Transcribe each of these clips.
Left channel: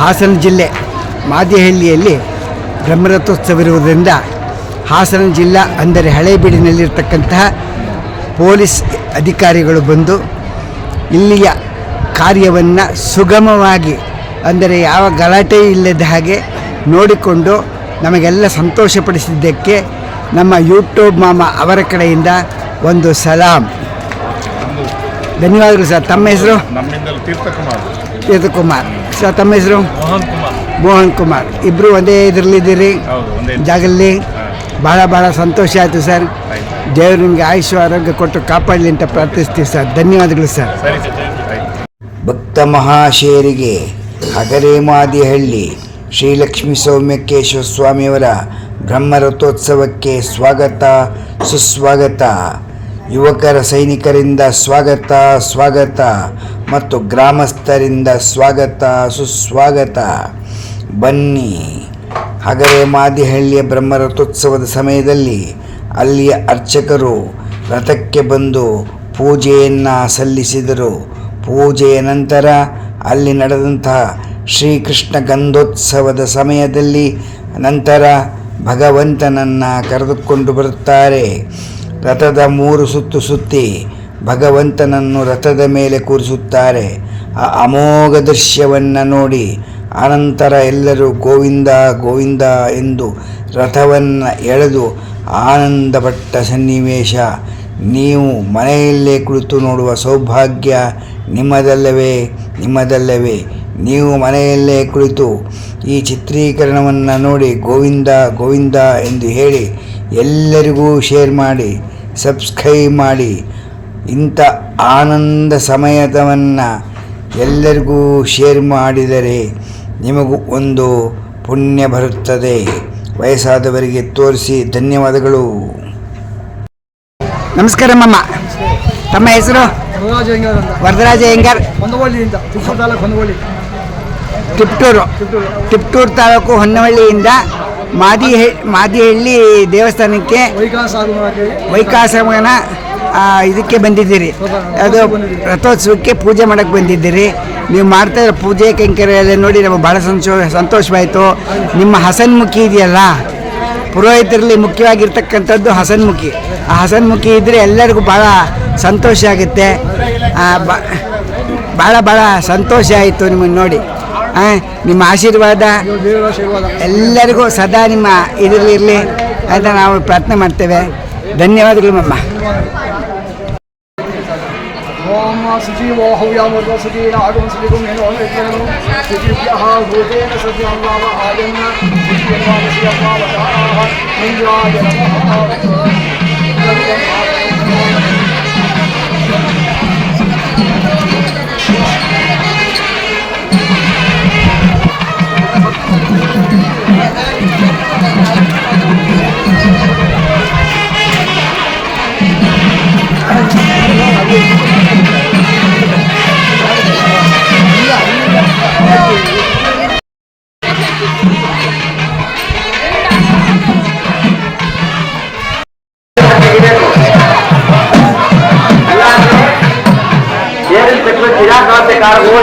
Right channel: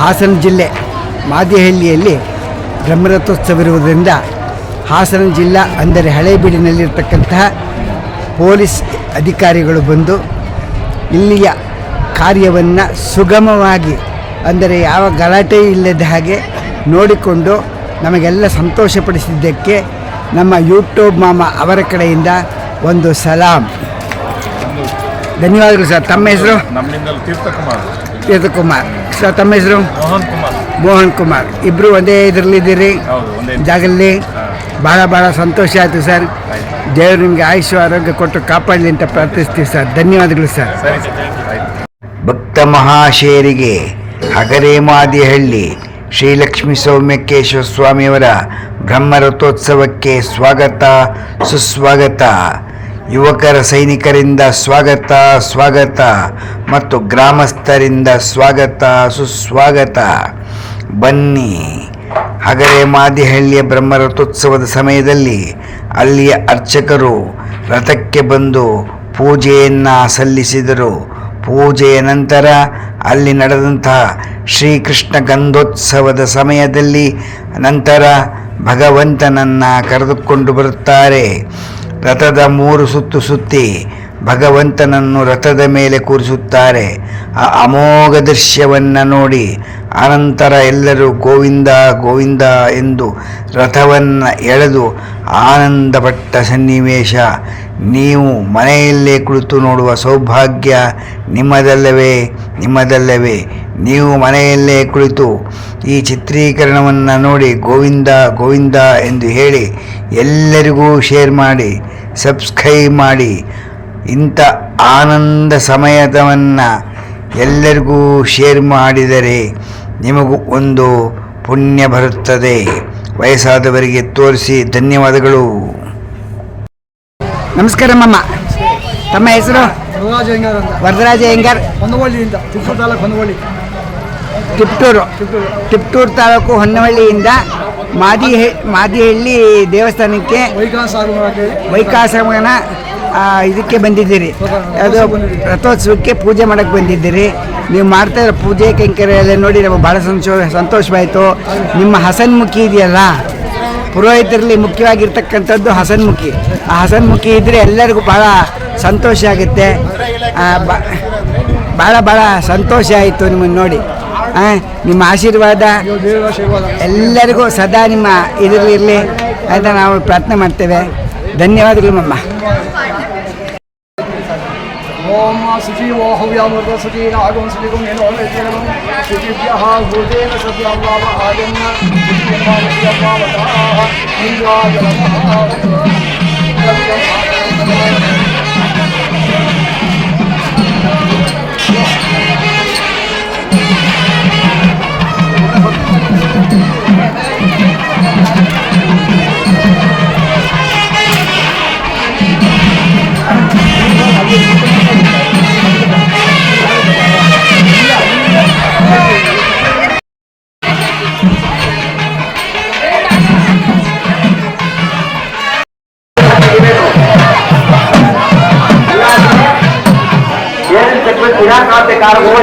ಹಾಸನ ಜಿಲ್ಲೆ ಮಾದಿಹಳ್ಳಿಯಲ್ಲಿ ಬ್ರಹ್ಮರಥೋತ್ಸವವಿರುವುದರಿಂದ ಹಾಸನ ಜಿಲ್ಲಾ ಅಂದರೆ ಹಳೇಬೀಡಿನಲ್ಲಿರ್ತಕ್ಕಂತಹ ಪೊಲೀಸ್ ಅಧಿಕಾರಿಗಳು ಬಂದು ಇಲ್ಲಿಯ ಕಾರ್ಯವನ್ನು ಸುಗಮವಾಗಿ ಅಂದರೆ ಯಾವ ಗಲಾಟೆ ಇಲ್ಲದ ಹಾಗೆ ನೋಡಿಕೊಂಡು ನಮಗೆಲ್ಲ ಸಂತೋಷಪಡಿಸಿದ್ದಕ್ಕೆ ನಮ್ಮ ಯೂಟ್ಯೂಬ್ ಮಾಮ ಅವರ ಕಡೆಯಿಂದ ಒಂದು ಸಲಾಮ್. ಧನ್ಯವಾದಗಳು ಸರ್. ತಮ್ಮ ಹೆಸರು? ನಮ್ಮಿಂದ ತೀರ್ಥಕುಮಾರ್ ಸರ್. ತಮ್ಮ ಹೆಸರು? ಮೋಹನ್ ಕುಮಾರ್. ಇಬ್ಬರು ಒಂದೇ ಇದರಲ್ಲಿದ್ದೀರಿ ಜಾಗದಲ್ಲಿ. ಭಾಳ ಸಂತೋಷ ಆಯಿತು ಸರ್. ದೇವರು ನಿಮಗೆ ಆಯುಷ್ಯ ಆರೋಗ್ಯ ಕೊಟ್ಟು ಕಾಪಾಡಲಿ ಅಂತ ಪ್ರಾರ್ಥಿಸ್ತೀವಿ ಸರ್. ಧನ್ಯವಾದಗಳು ಸರ್. ಭಕ್ತ ಮಹಾಶಯರಿಗೆ ಹಗರೆ ಮಾದಿಹಳ್ಳಿ ಶ್ರೀ ಲಕ್ಷ್ಮೀ ಸೌಮ್ಯಕೇಶ್ವರ ಸ್ವಾಮಿಯವರ ಬ್ರಹ್ಮರಥೋತ್ಸವಕ್ಕೆ ಸ್ವಾಗತ ಸುಸ್ವಾಗತ. ಯುವಕರ ಸೈನಿಕರಿಂದ ಸ್ವಾಗತ ಮತ್ತು ಗ್ರಾಮಸ್ಥರಿಂದ ಸ್ವಾಗತ ಸುಸ್ವಾಗತ. ಬನ್ನಿ. ಹಗರೆ ಮಾದಿಹಳ್ಳಿಯ ಬ್ರಹ್ಮರಥೋತ್ಸವದ ಸಮಯದಲ್ಲಿ ಅಲ್ಲಿಯ ಅರ್ಚಕರು ರಥಕ್ಕೆ ಬಂದು ಪೂಜೆಯನ್ನು ಸಲ್ಲಿಸಿದರು. ಪೂಜೆಯ ನಂತರ ಅಲ್ಲಿ ನಡೆದಂತಹ ಶ್ರೀಕೃಷ್ಣ ಗಂಧೋತ್ಸವದ ಸಮಯದಲ್ಲಿ ನಂತರ ಭಗವಂತನನ್ನು ಕರೆದುಕೊಂಡು ಬರುತ್ತಾರೆ. ರಥದ 3 ಸುತ್ತು ಸುತ್ತಿ ಭಗವಂತನನ್ನು ರಥದ ಮೇಲೆ ಕೂರಿಸುತ್ತಾರೆ. ಆ ಅಮೋಘ ದೃಶ್ಯವನ್ನು ನೋಡಿ ಅನಂತರ ಎಲ್ಲರೂ ಗೋವಿಂದ ಗೋವಿಂದ ಎಂದು ರಥವನ್ನು ಎಳೆದು ಆನಂದಪಟ್ಟ ಸನ್ನಿವೇಶ ನೀವು ಮನೆಯಲ್ಲೇ ಕುಳಿತು ನೋಡುವ ಸೌಭಾಗ್ಯ ನಿಮ್ಮದಲ್ಲವೇ. ನೀವು ಮನೆಯಲ್ಲೇ ಕುಳಿತು ಈ ಚಿತ್ರೀಕರಣವನ್ನು ನೋಡಿ ಗೋವಿಂದ ಗೋವಿಂದ ಎಂದು ಹೇಳಿ ಎಲ್ಲರಿಗೂ ಶೇರ್ ಮಾಡಿ, ಸಬ್ಸ್ಕ್ರೈಬ್ ಮಾಡಿ. ಇಂಥ ಆನಂದ ಸಮಯವನ್ನು ಎಲ್ಲರಿಗೂ ಶೇರ್ ಮಾಡಿದರೆ ನಿಮಗೂ ಒಂದು ಪುಣ್ಯ ಬರುತ್ತದೆ. ವಯಸ್ಸಾದವರಿಗೆ ತೋರಿಸಿ. ಧನ್ಯವಾದಗಳು. ನಮಸ್ಕಾರ ಮಮ್ಮ. ತಮ್ಮ ಹೆಸರು? ವರದರಾಜ ಅಯ್ಯಂಗಾರ್. ತಿಪ್ಟೂರು ತಾಲೂಕು ಹೊನ್ನವಳ್ಳಿಯಿಂದ ಮಾದಿಹಳ್ಳಿ ದೇವಸ್ಥಾನಕ್ಕೆ ವೈಕಾಸಮನ ಇದಕ್ಕೆ ಬಂದಿದ್ದೀರಿ. ಅದು ರಥೋತ್ಸವಕ್ಕೆ ಪೂಜೆ ಮಾಡೋಕ್ಕೆ ಬಂದಿದ್ದೀರಿ. ನೀವು ಮಾಡ್ತಾ ಇರೋ ಪೂಜೆ ಕೈಂಕರ್ಯ ಎಲ್ಲ ನೋಡಿ ನಮಗೆ ಭಾಳ ಸಂತೋಷವಾಯಿತು. ನಿಮ್ಮ ಹಸನ್ಮುಖಿ ಇದೆಯಲ್ಲ, ಪುರೋಹಿತರಲ್ಲಿ ಮುಖ್ಯವಾಗಿರ್ತಕ್ಕಂಥದ್ದು ಹಸನ್ಮುಖಿ. ಆ ಹಸನ್ಮುಖಿ ಇದ್ದರೆ ಎಲ್ಲರಿಗೂ ಭಾಳ ಸಂತೋಷ ಆಗುತ್ತೆ. ಭಾಳ ಸಂತೋಷ ಆಯಿತು ನಿಮ್ಮನ್ನು ನೋಡಿ. ನಿಮ್ಮ ಆಶೀರ್ವಾದ ಎಲ್ಲರಿಗೂ ಸದಾ ನಿಮ್ಮ ಇದರಲ್ಲಿರಲಿ ಅಂತ ನಾವು ಪ್ರಾರ್ಥನೆ ಮಾಡ್ತೇವೆ. ಧನ್ಯವಾದಗಳು ಮಮ್ಮ. ಓಂ ಸುಜೀವೋ ಹವ್ಯಾಮೃತ ಸುಜೀನ ಆಗಂ ಸುಜಿಗಂ ಏನೋ ವೇದನಂ ಸುಜಿಭ್ಯಃ ಭೂತೇನ ಸತ್ಯಂ ವಾಮ ಆಯನ್ನ ಸುಜಿಯವಾಮಸ್ಯವಾಮತಾಹ ನಿಂಜಾಯ ನಮಃ.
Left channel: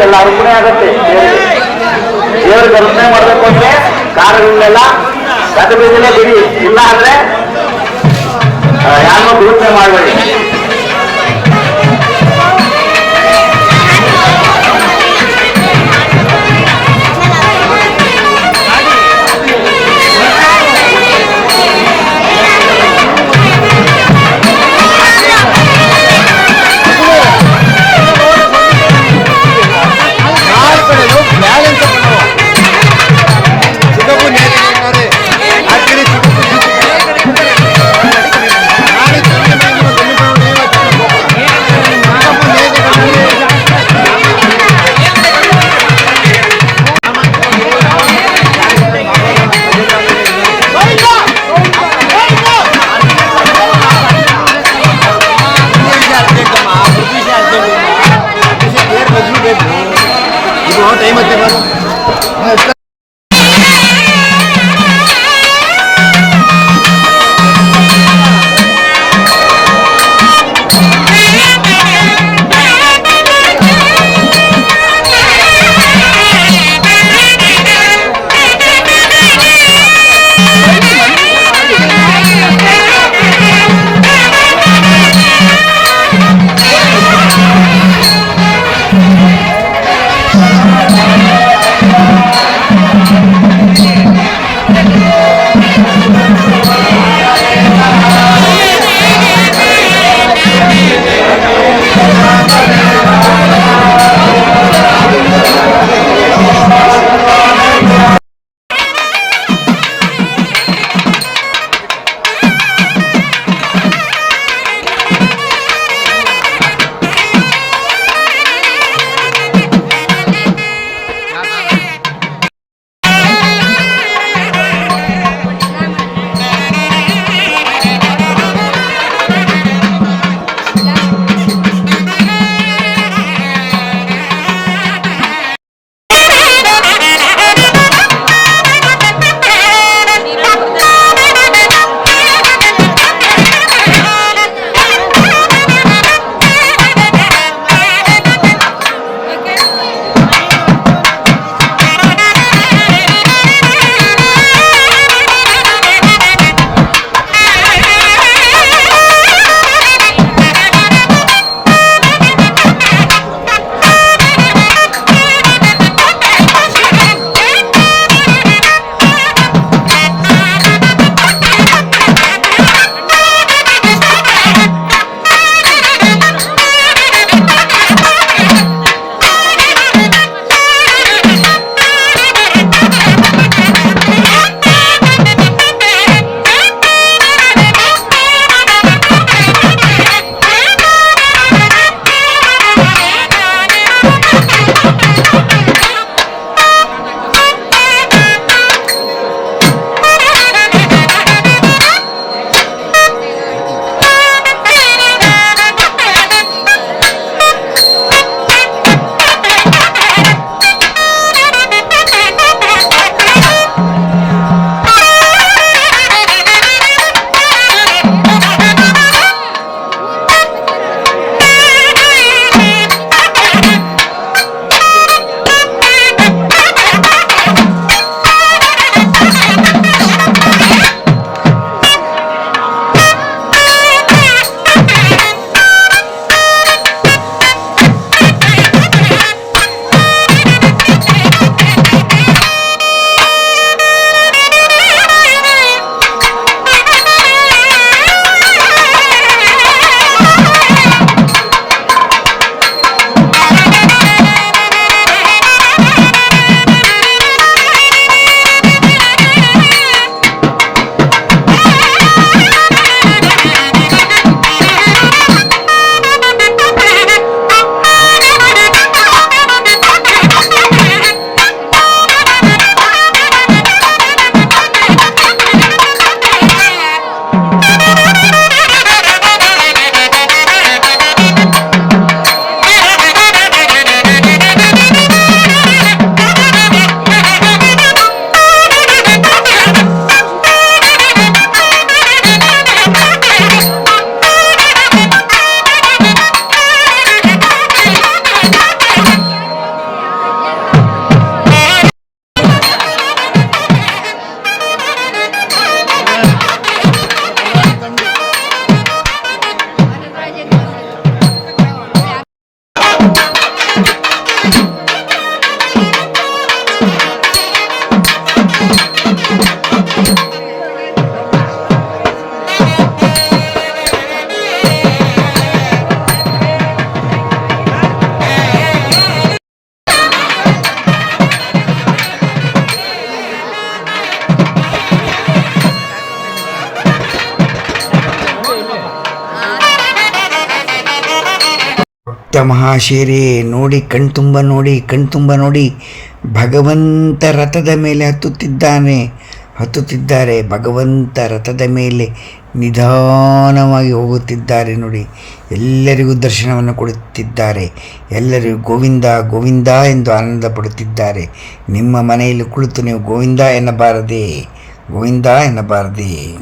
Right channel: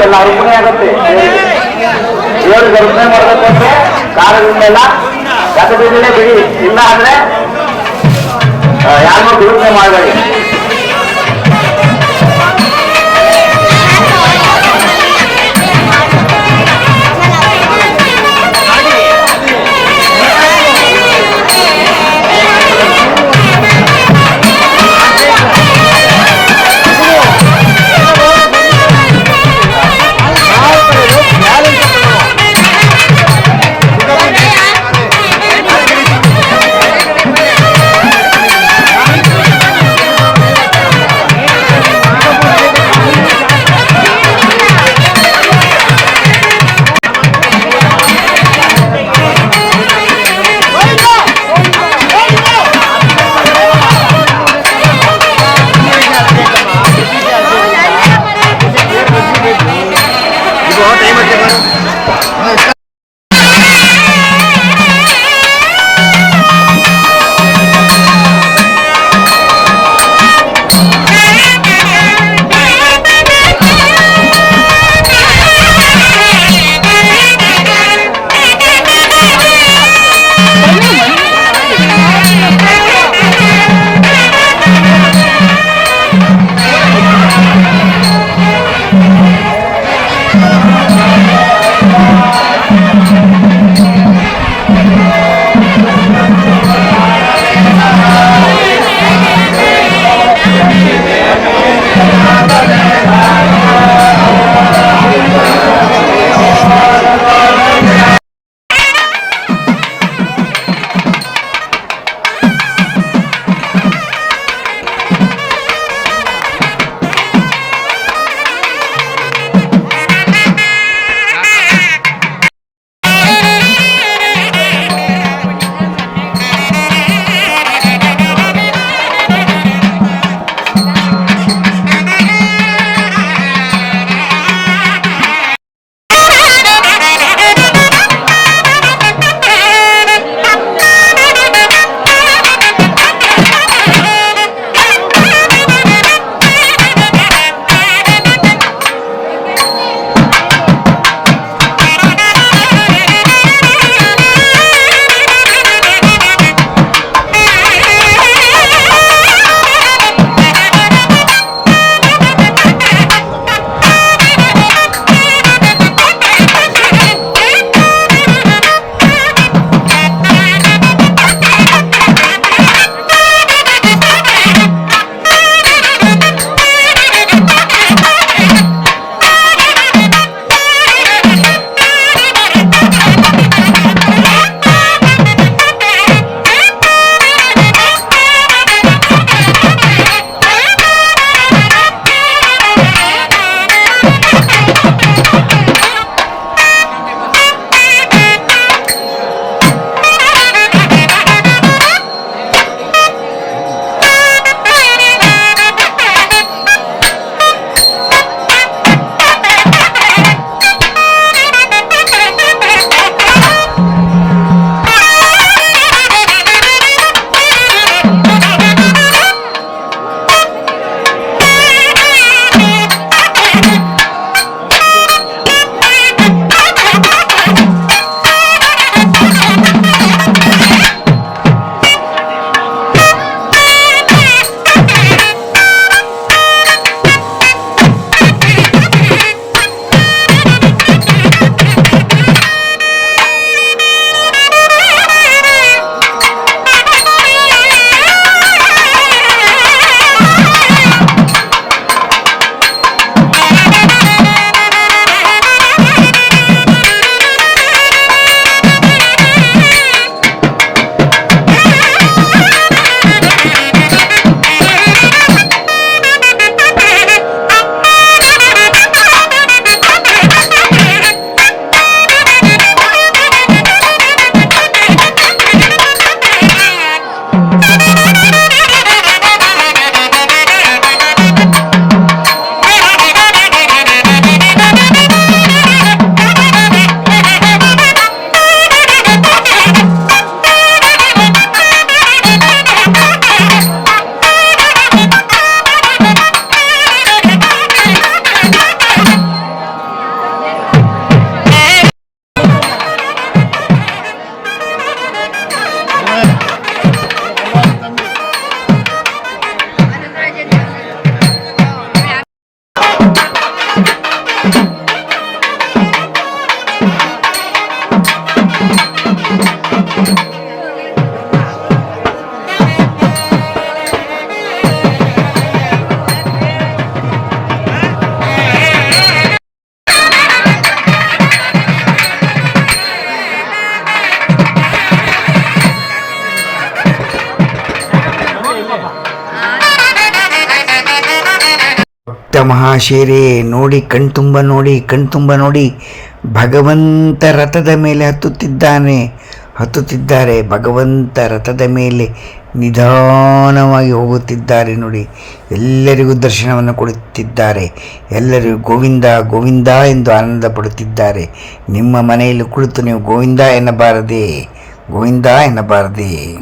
ಎಲ್ಲ ಅರ್ಪಣೆ ಆಗುತ್ತೆ. ದೇವರು ಕಲ್ಪನೆ ಮಾಡಬೇಕು ಅಂದ್ರೆ ಕಾರಣದಿಂದೆಲ್ಲ ಗತಬಿದ್ದನೆ ಬಿಡಿ. ಇಲ್ಲ ಅಂದ್ರೆ ಯಾರೋ ದುರುಪನೆ ಮಾಡಬೇಡಿ. ಮಹಾಶೇರೆ ನೋಡಿ, ಕಣ್ತುಂಬ ನೋಡಿ, ಕಣ್ತುಂಬ ನೋಡಿ, ಭಗವಂತ ರಥದ ಮೇಲೆ ಹತ್ತುತ್ತಿದ್ದಾರೆ. ಭಗವಂತ ರಥದ ಮೇಲೆ ನಿಧಾನವಾಗಿ ಹೋಗುತ್ತಿದ್ದಾರೆ ನೋಡಿ. ಎಲ್ಲರಿಗೂ ದರ್ಶನವನ್ನು ಕೊಡುತ್ತಿದ್ದಾರೆ. ಎಲ್ಲರಿಗೂ ಗೋವಿಂದ ಗೋವಿಂದ ಎಂದು ಆನಂದ ಪಡುತ್ತಿದ್ದಾರೆ. ನಿಮ್ಮ ಮನೆಯಲ್ಲಿ ಕುಳಿತು ನೀವು ಗೋವಿಂದ ಎನ್ನಬಾರದೆ, ಗೋವಿಂದ ಎನ್ನಬಾರದೆ.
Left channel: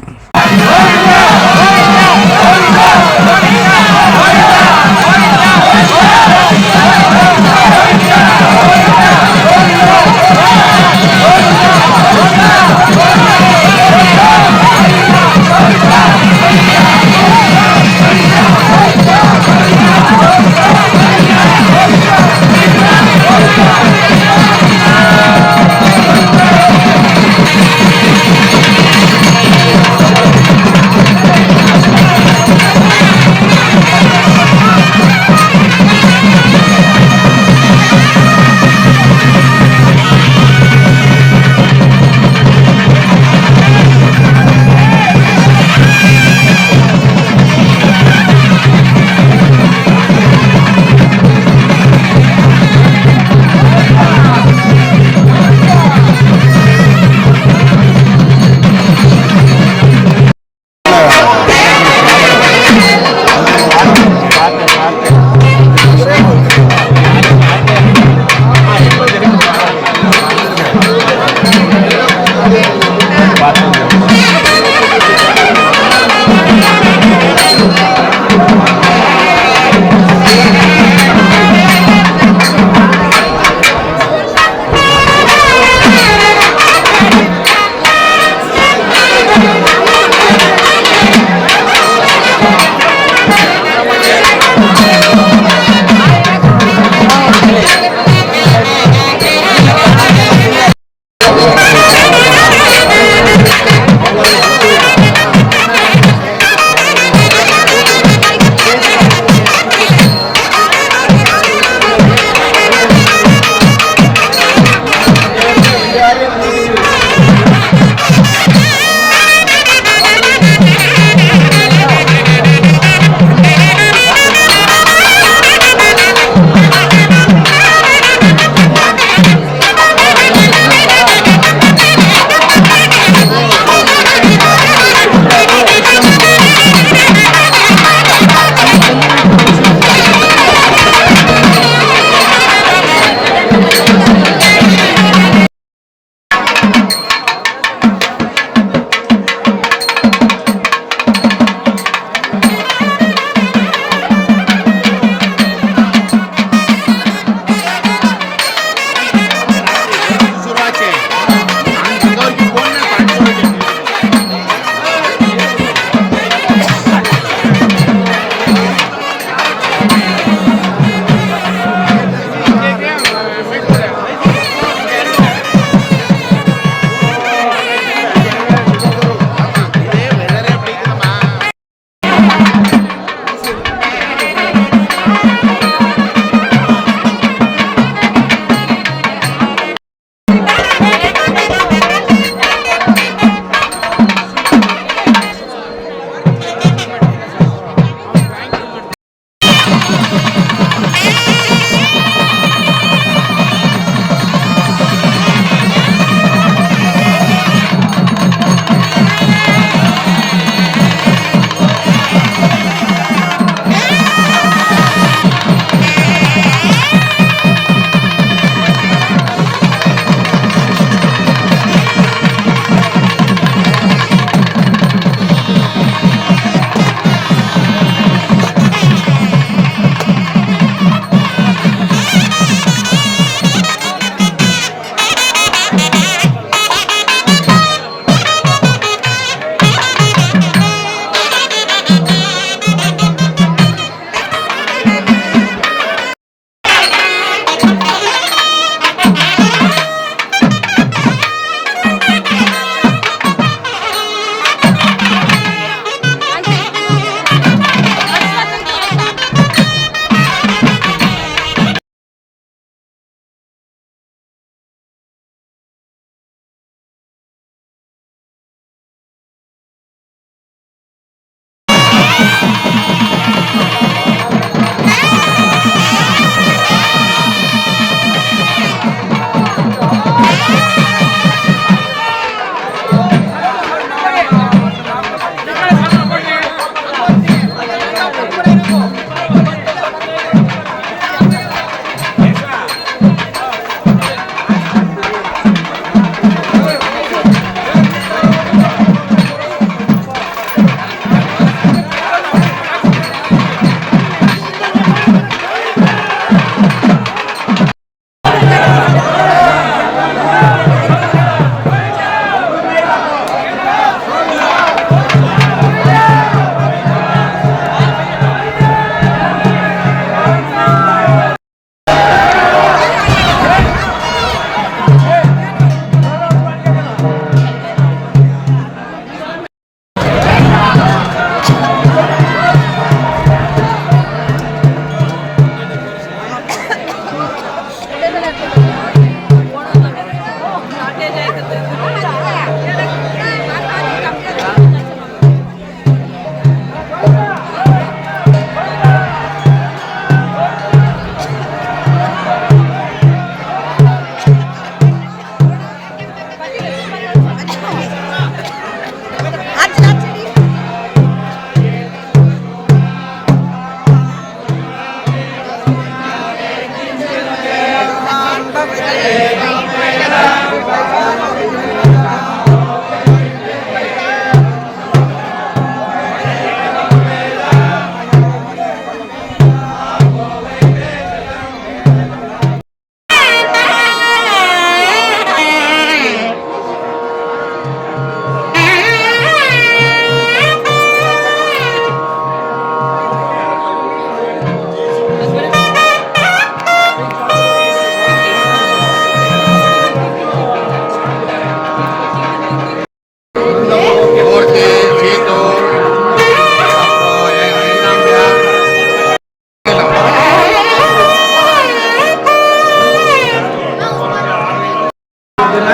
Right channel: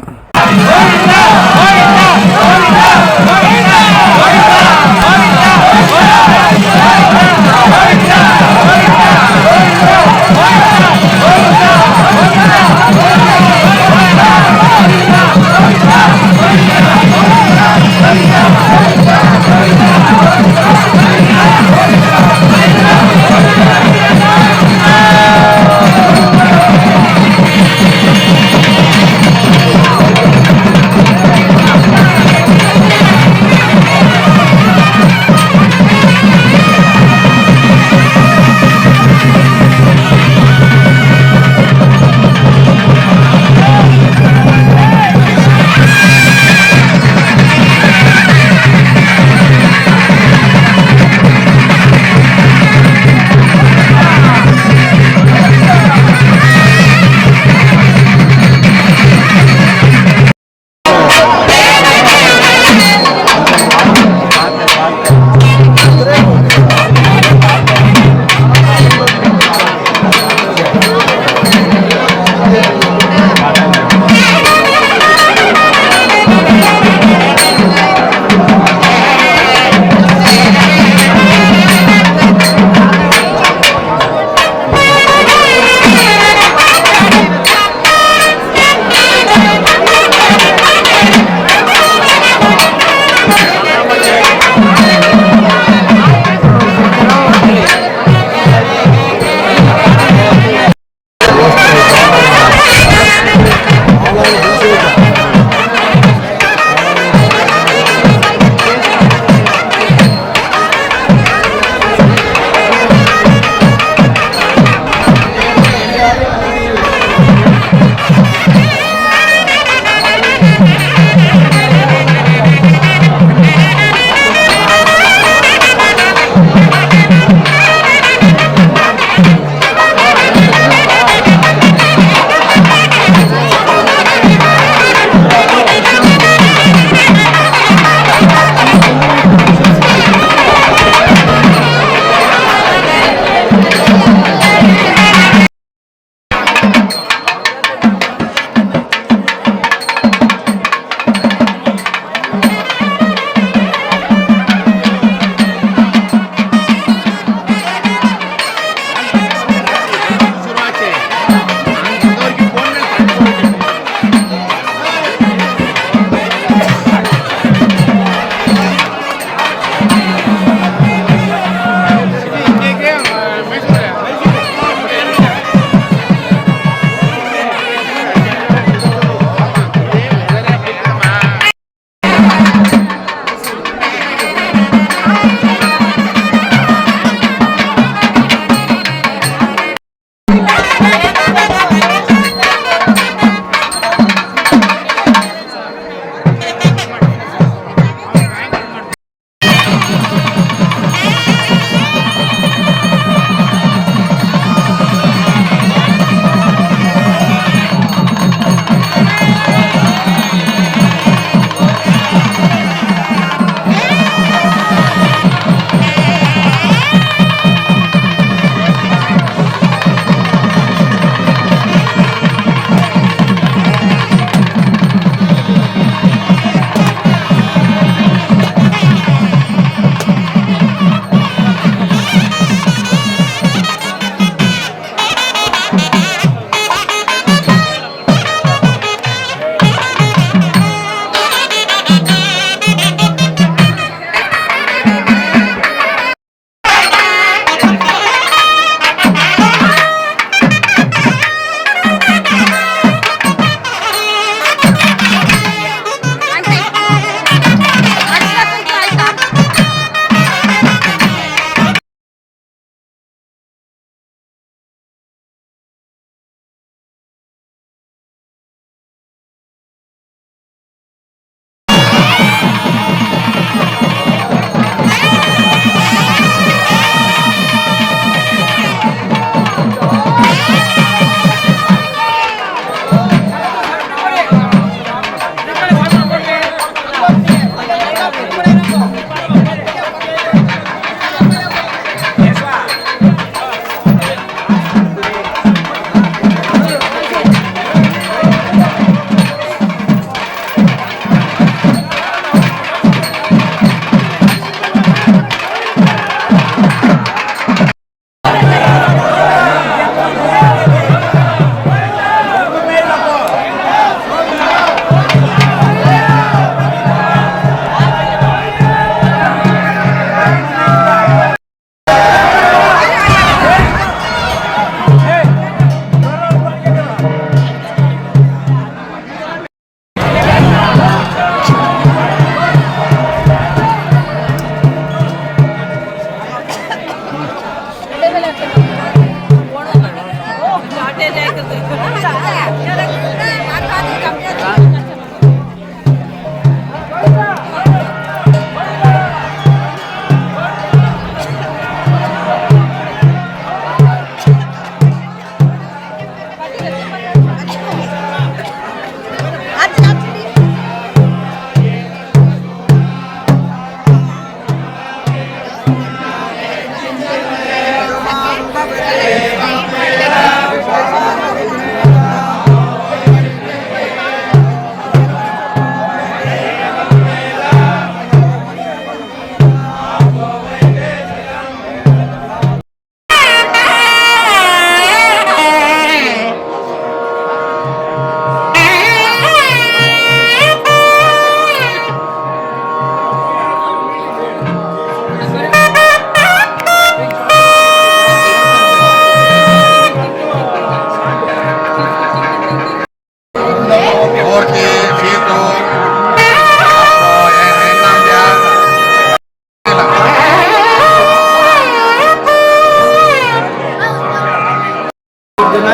ದಿನ